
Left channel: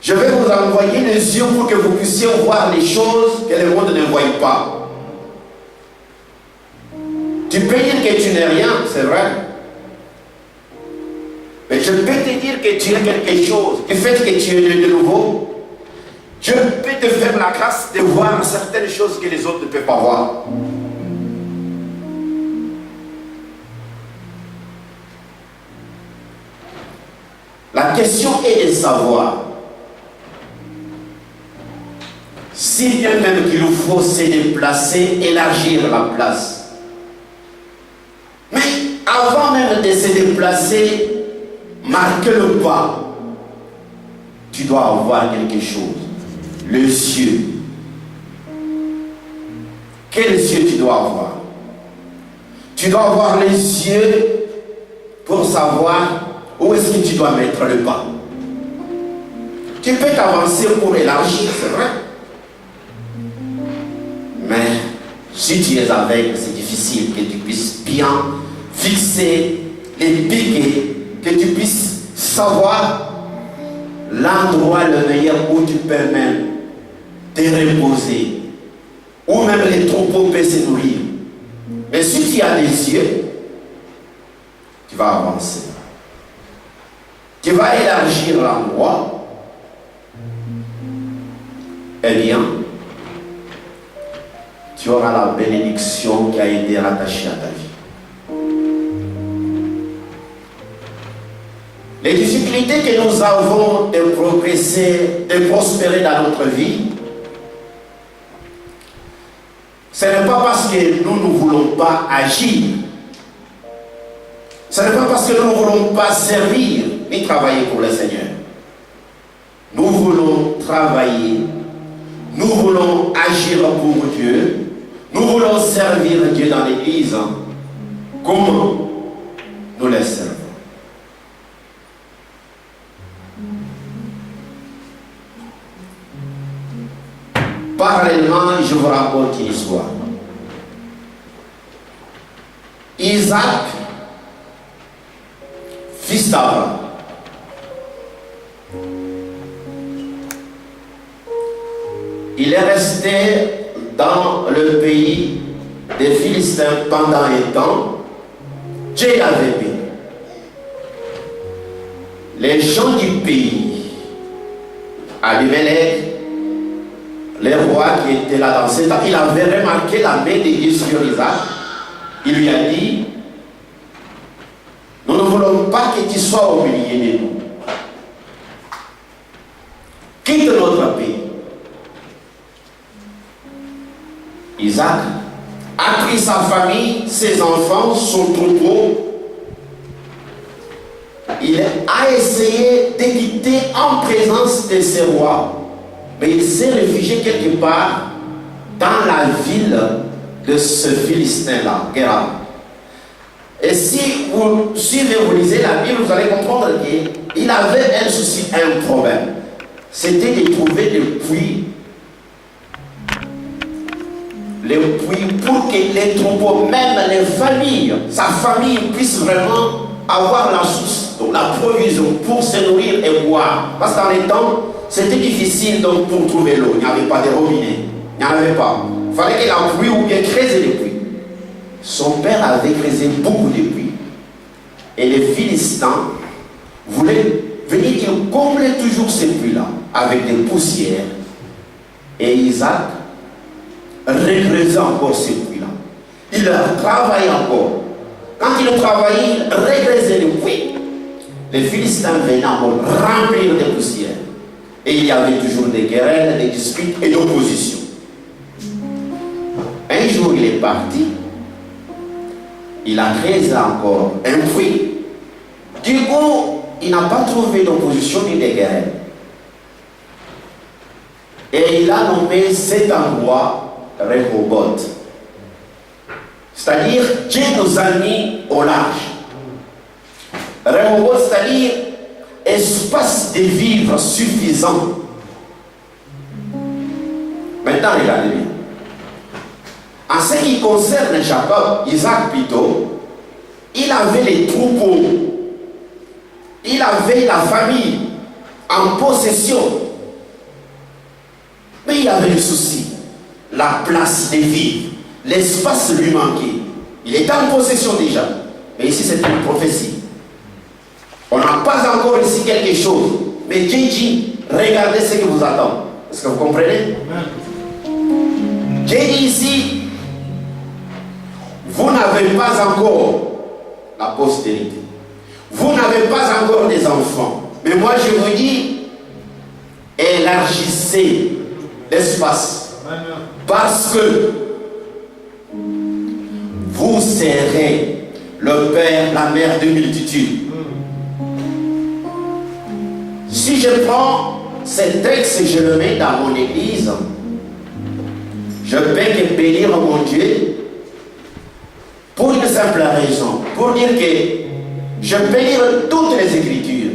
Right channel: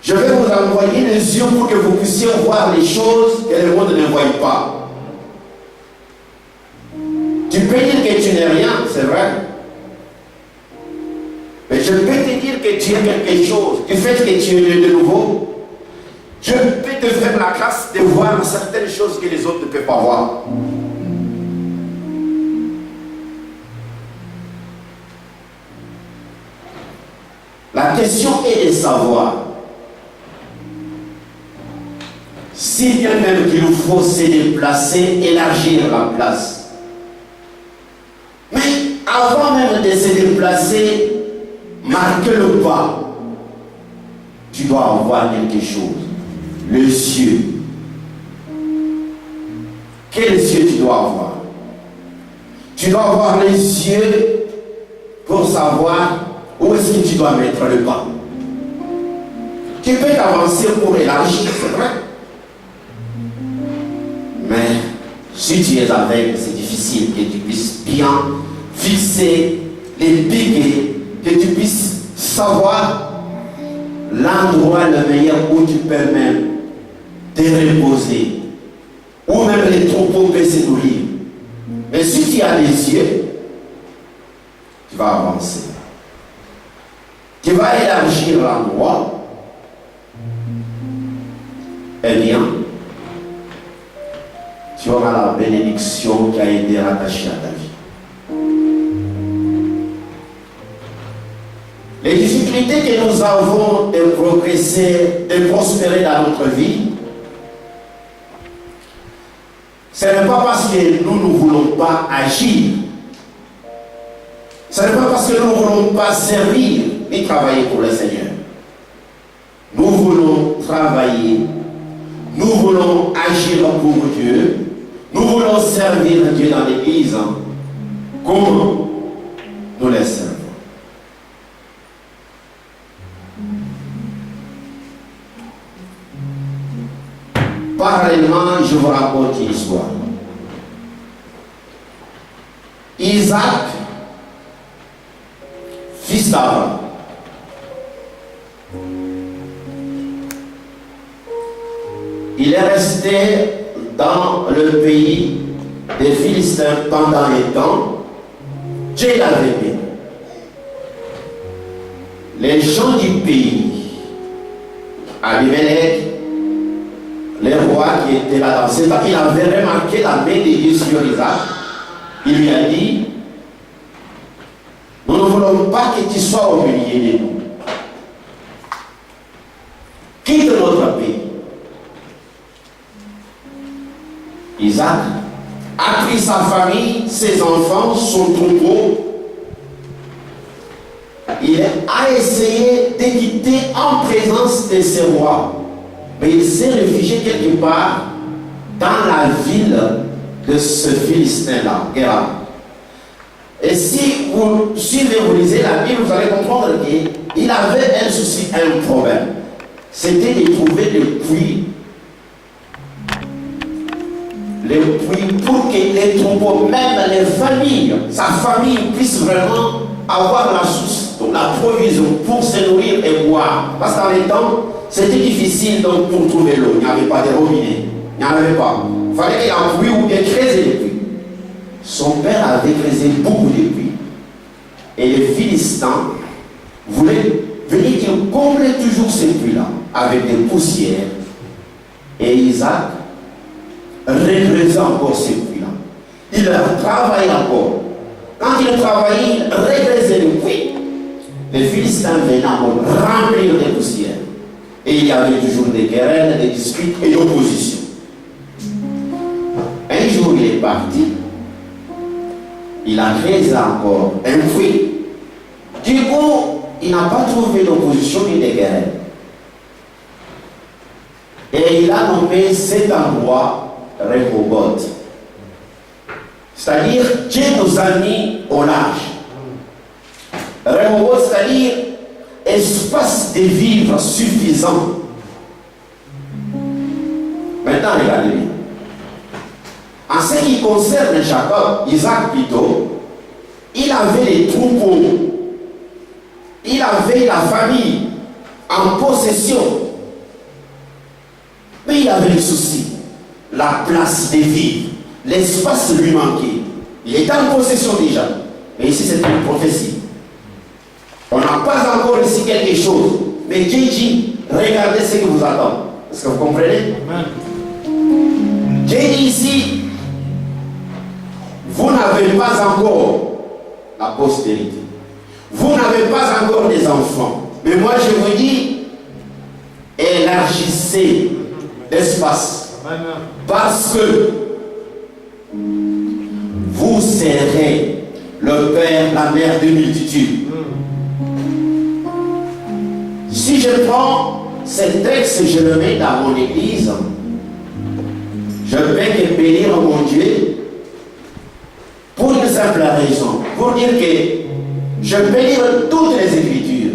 Je vais vous envoyer les yeux pour que vous puissiez voir les choses que le monde ne voit pas. Tu peux dire que tu n'es rien, c'est vrai. Mais je peux te dire que tu es quelque chose. Du fait que tu es né de nouveau, je peux te faire la grâce de voir certaines choses que les autres ne peuvent pas voir. La question est de savoir si bien même qu'il faut se déplacer, élargir la place. Mais avant même de se déplacer, marquer le pas, tu dois avoir quelque chose. Les yeux. Quels yeux tu dois avoir? Tu dois avoir les yeux pour savoir où est-ce que tu dois mettre le pas. Tu peux t'avancer pour élargir, c'est vrai. Mais si tu es aveugle, c'est difficile que tu puisses bien fixer les piquets, que tu puisses savoir l'endroit le meilleur où tu peux même te reposer, où même les troupeaux peuvent se nourrir. Mais si tu as des yeux, tu vas avancer. Tu vas élargir l'endroit. Eh bien, tu auras la bénédiction qui a été rattachée à ta vie. Les difficultés que nous avons de progresser, de prospérer dans notre vie, ce n'est pas parce que nous ne voulons pas agir. Ce n'est pas parce que nous ne voulons pas servir ni travailler pour le Seigneur. Nous voulons travailler, nous voulons agir pour Dieu, nous voulons servir Dieu dans l'Église. comment nous les servons. Parallèlement, je vous raconte une histoire. Isaac, fils d'Abraham, il est resté dans le pays des Philistins pendant un temps. Dieu l'avait béni. Les gens du pays, Abimelech, les rois qui étaient là dans ce temps, il avait remarqué la main de Dieu sur Isaac. Il lui a dit, nous ne voulons pas que tu sois au milieu de nous. Quitte notre pays. Isaac a pris sa famille, ses enfants, son troupeau. Il a essayé de quitter en présence de ses rois. Mais il s'est réfugié quelque part dans la ville de ce Philistin-là, Guéram. Et si vous suivez, vous lisez la Bible, vous allez comprendre qu'il avait un souci, un problème. C'était de trouver le puits pour que les troupeaux, même les familles, sa famille puisse vraiment avoir la source, donc la provision pour se nourrir et boire. Parce qu'en les temps, c'était difficile donc pour trouver l'eau. Il n'y avait pas de robinet. Il n'y en avait pas. Il fallait qu'il ait un puits ou bien creuser des puits. Son père avait creusé beaucoup de puits. Et les Philistins voulaient venir, ils comblaient toujours ces puits-là avec des poussières. Et Isaac recreusait encore ces puits-là. Il travaillait encore. Quand il travaillait, il recreusait les puits. Les Philistins venaient encore remplir des poussières. Et il y avait toujours des querelles, des disputes et d'opposition. Un jour, il est parti. Il a creusé encore un puits. Du coup, il n'a pas trouvé d'opposition ni de querelles. Et il a nommé cet endroit Rehoboth. C'est-à-dire, Dieu nous a mis au large. Rehoboth, c'est-à-dire espace de vivre suffisant. Maintenant, regardez bien. En ce qui concerne Jacob, Isaac plutôt, il avait les troupeaux, il avait la famille en possession. Mais il avait le souci, la place de vivre, l'espace lui manquait. Il était en possession déjà. Mais ici, c'est une prophétie. On n'a pas encore ici quelque chose. Mais Dieu dit, regardez ce que vous attend. Est-ce que vous comprenez? Dieu dit ici, vous n'avez pas encore la postérité. Vous n'avez pas encore des enfants. Mais moi, je vous dis, élargissez l'espace. Parce que vous serez le père, la mère de multitudes. Si je prends ce texte, je le mets dans mon église, je peux que bénir mon Dieu pour une simple raison, pour dire que je peux lire toutes les Écritures.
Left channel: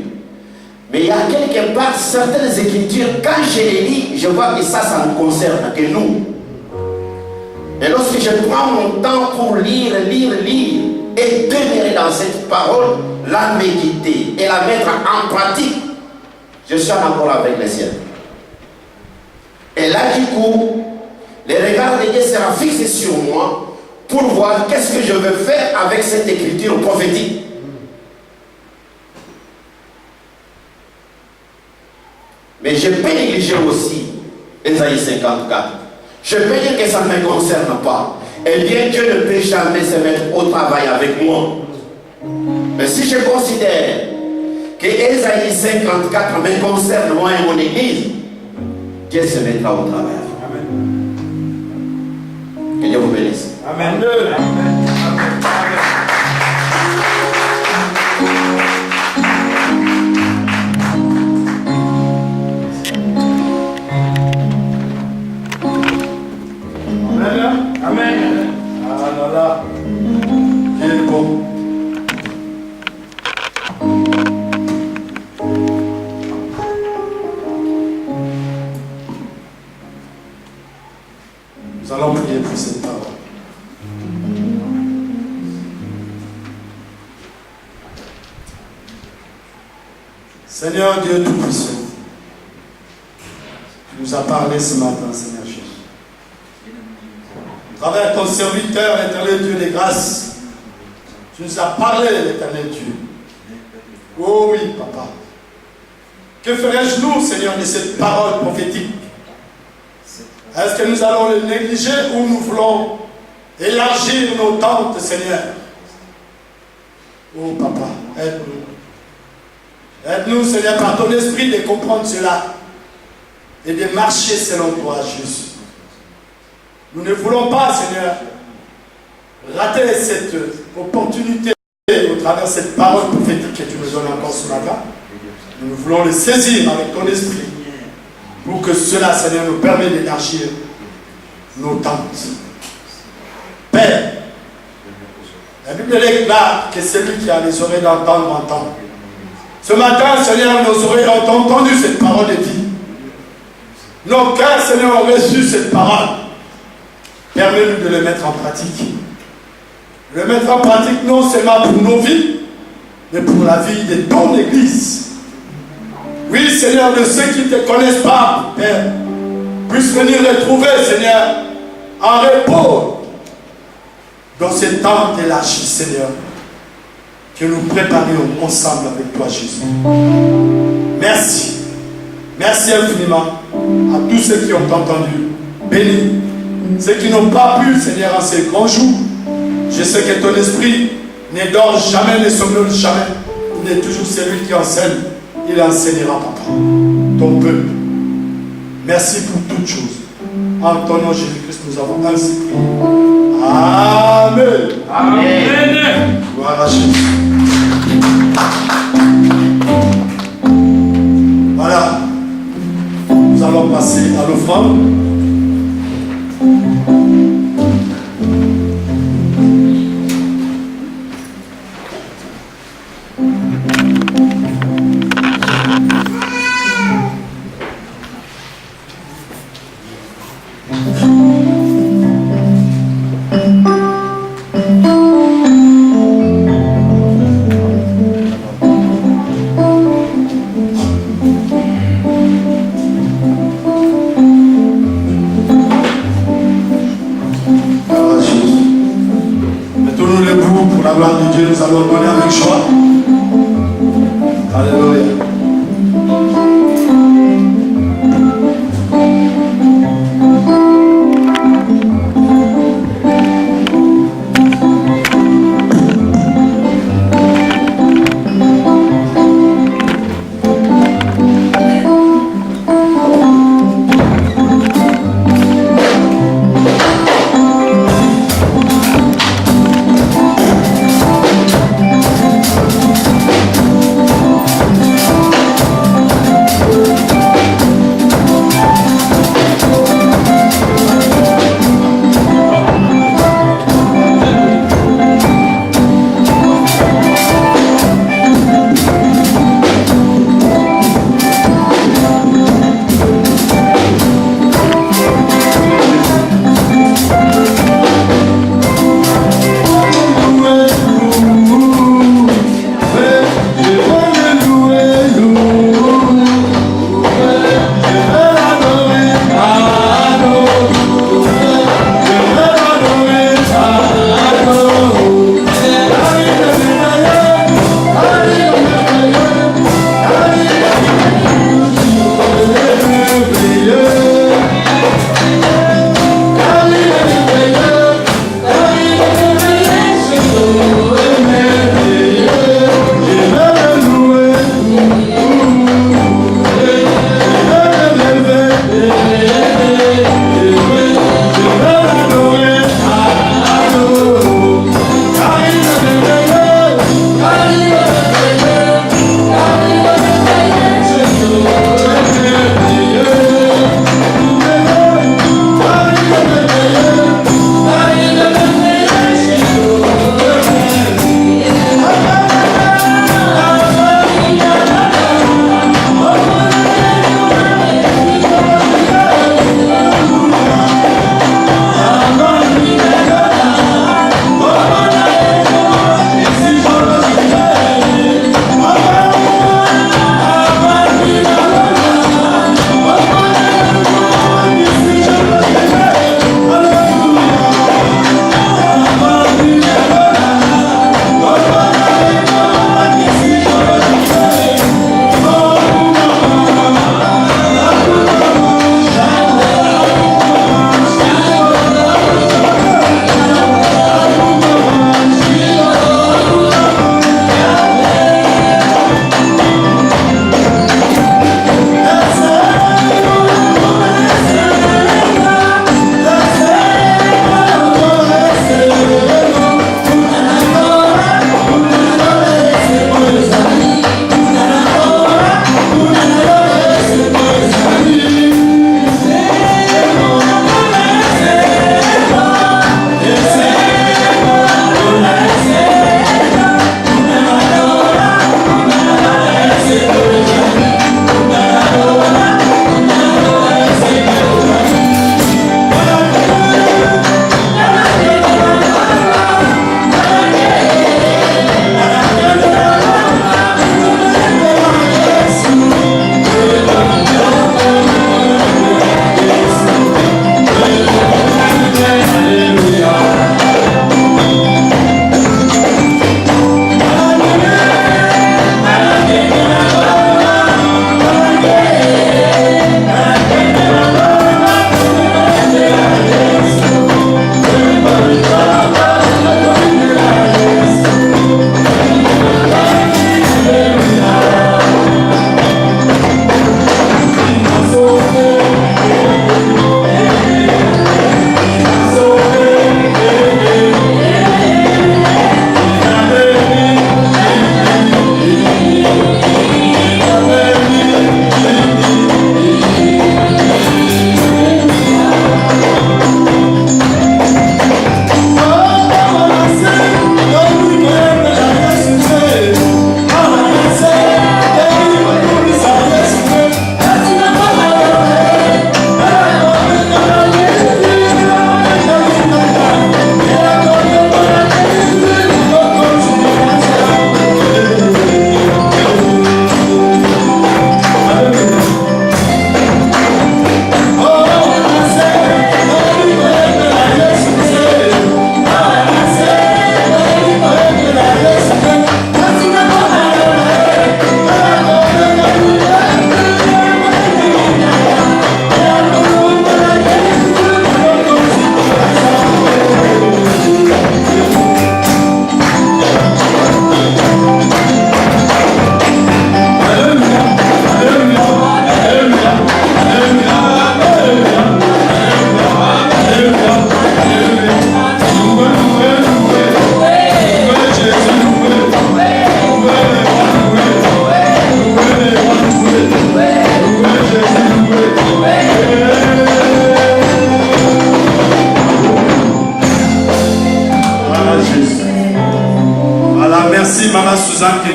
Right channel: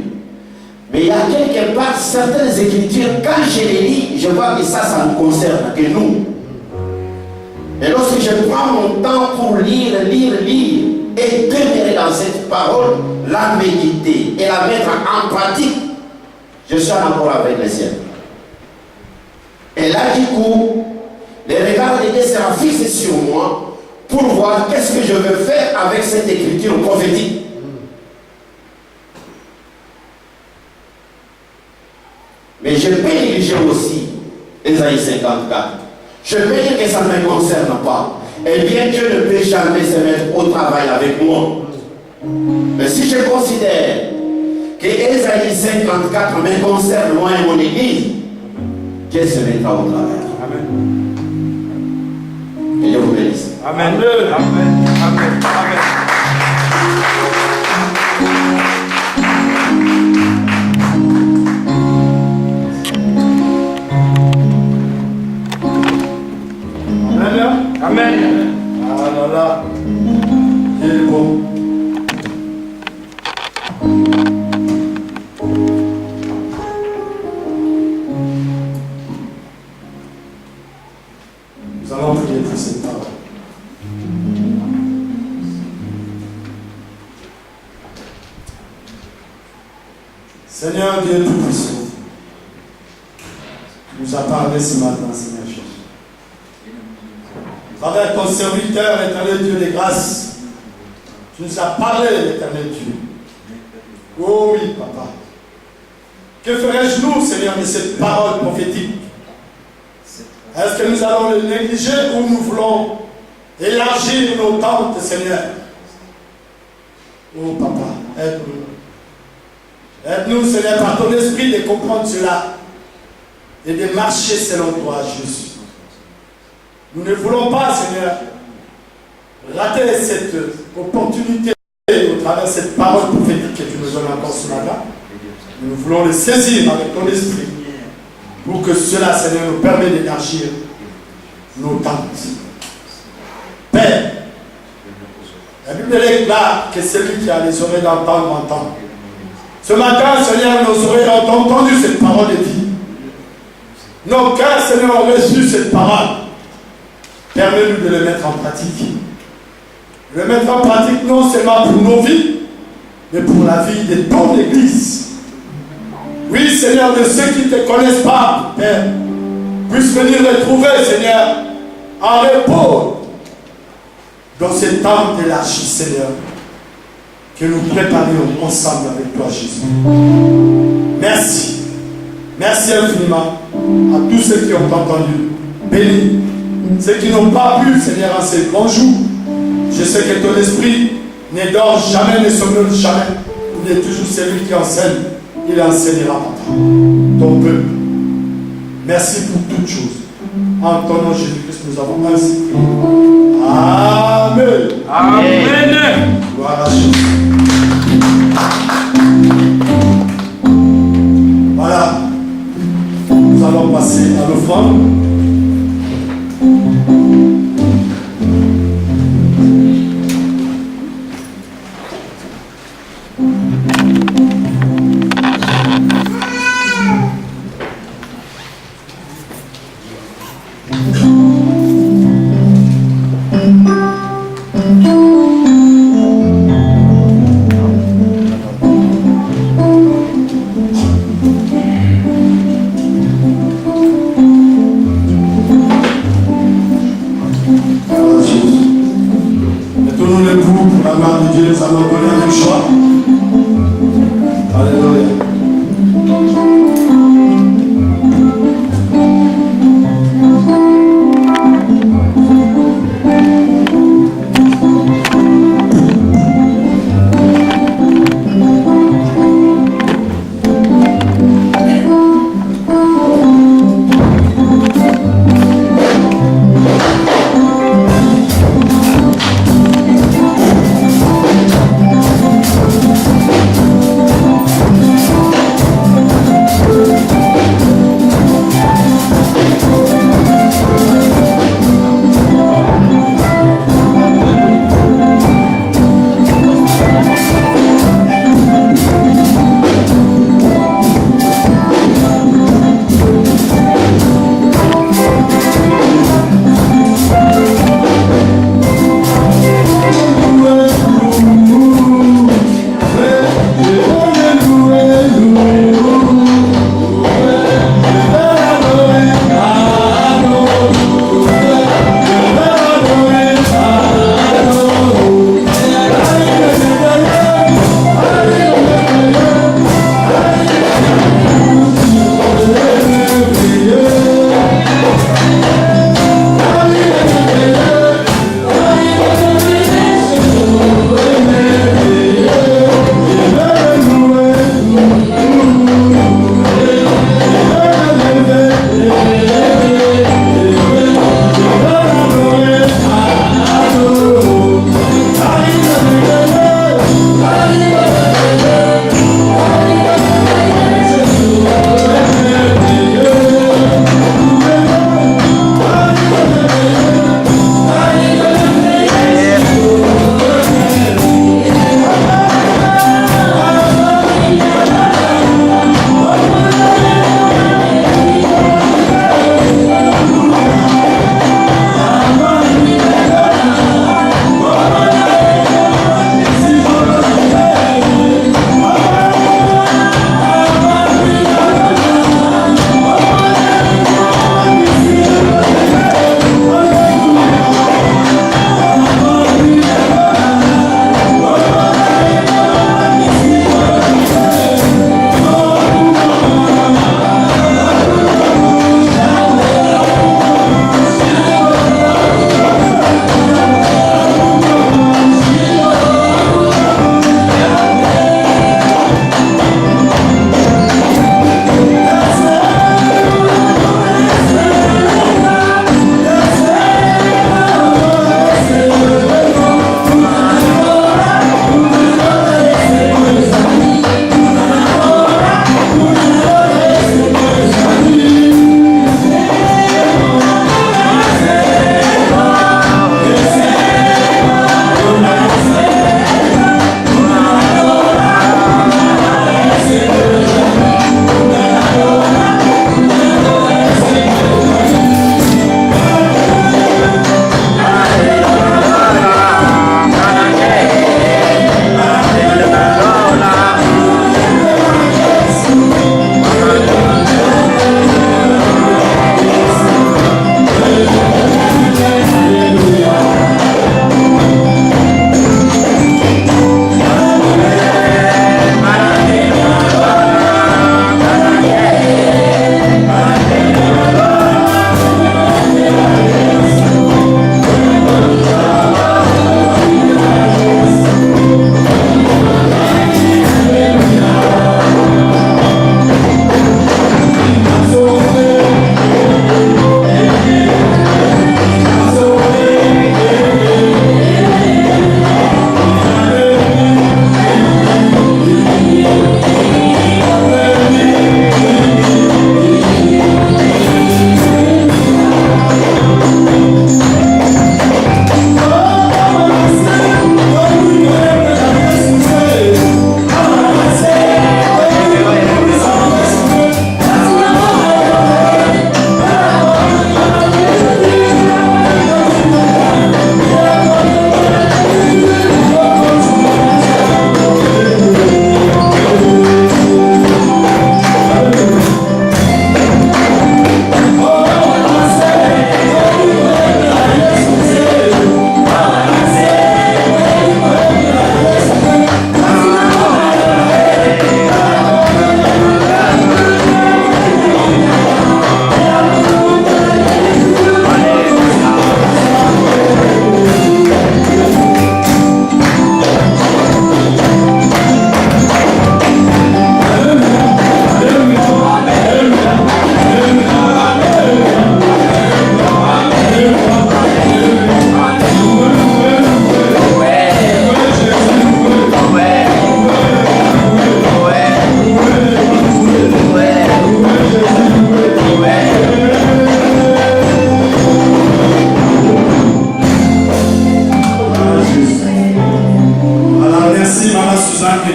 Mais il y a quelque part certaines Écritures, quand je les lis, je vois que ça ne concerne que nous. Et lorsque je prends mon temps pour lire, et demeurer dans cette parole, la méditer et la mettre en pratique, je suis en accord avec les cieux. Et là, du coup, le regard de Dieu sera fixé sur moi pour voir qu'est-ce que je veux faire avec cette écriture prophétique. Mais je peux négliger aussi Ésaïe 54. Je peux dire que ça ne me concerne pas. Eh bien, Dieu ne peut jamais se mettre au travail avec moi. Mais si je considère que Ésaïe 54 me concerne moi et mon église, Dieu se mettra au travail. Amen. Que Dieu vous bénisse. Amen. Amen. Amen. Amen. Amen. Ah là là. Dieu est bon. Seigneur Dieu Tout-Puissant, tu nous as parlé ce matin, Seigneur Jésus. À travers ton serviteur, éternel Dieu des grâces, tu nous as parlé, l'éternel Dieu. Oh oui, Papa. Que ferais-je nous, Seigneur, de cette parole prophétique? Est-ce que nous allons le négliger ou nous voulons élargir nos tentes, Seigneur? Oh Papa, aide-nous. Aide-nous, Seigneur, par ton esprit de comprendre cela et de marcher selon toi, Jésus. Nous ne voulons pas, Seigneur, rater cette opportunité au travers de cette parole prophétique que tu nous donnes encore ce matin. Nous voulons le saisir avec ton esprit pour que cela, Seigneur, nous permette d'élargir nos tentes. Père, la Bible déclare que celui qui a les oreilles d'entendre entend. Ce matin, Seigneur, nos oreilles ont entendu cette parole de vie. Nos cœurs, Seigneur, ont reçu cette parole. Permets-nous de le mettre en pratique. Le mettre en pratique non seulement pour nos vies, mais pour la vie de ton Église. Oui, Seigneur, de ceux qui ne te connaissent pas, Père, puissent venir les trouver, Seigneur, en repos dans ces temps élargis, Seigneur, que nous préparions ensemble avec toi, Jésus. Merci. Merci infiniment à tous ceux qui ont entendu. Bénis ceux qui n'ont pas pu, Seigneur, en ces grands jours. Je sais que ton esprit ne dort jamais, ne somnole jamais. Il est toujours celui qui enseigne. Il enseignera, Papa, ton peuple. Merci pour toutes choses. En ton nom, Jésus-Christ, nous avons ainsi prié. Amen. Amen. Gloire à Jésus. Voilà. Nous allons passer à l'offrande.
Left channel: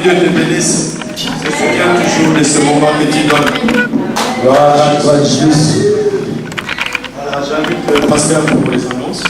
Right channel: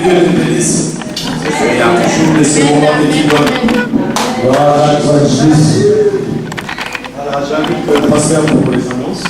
Dieu te bénisse. Se souviens toujours de ce moment que tu donnes. Gloire à toi, Jésus. Voilà, j'invite le pasteur pour les annonces.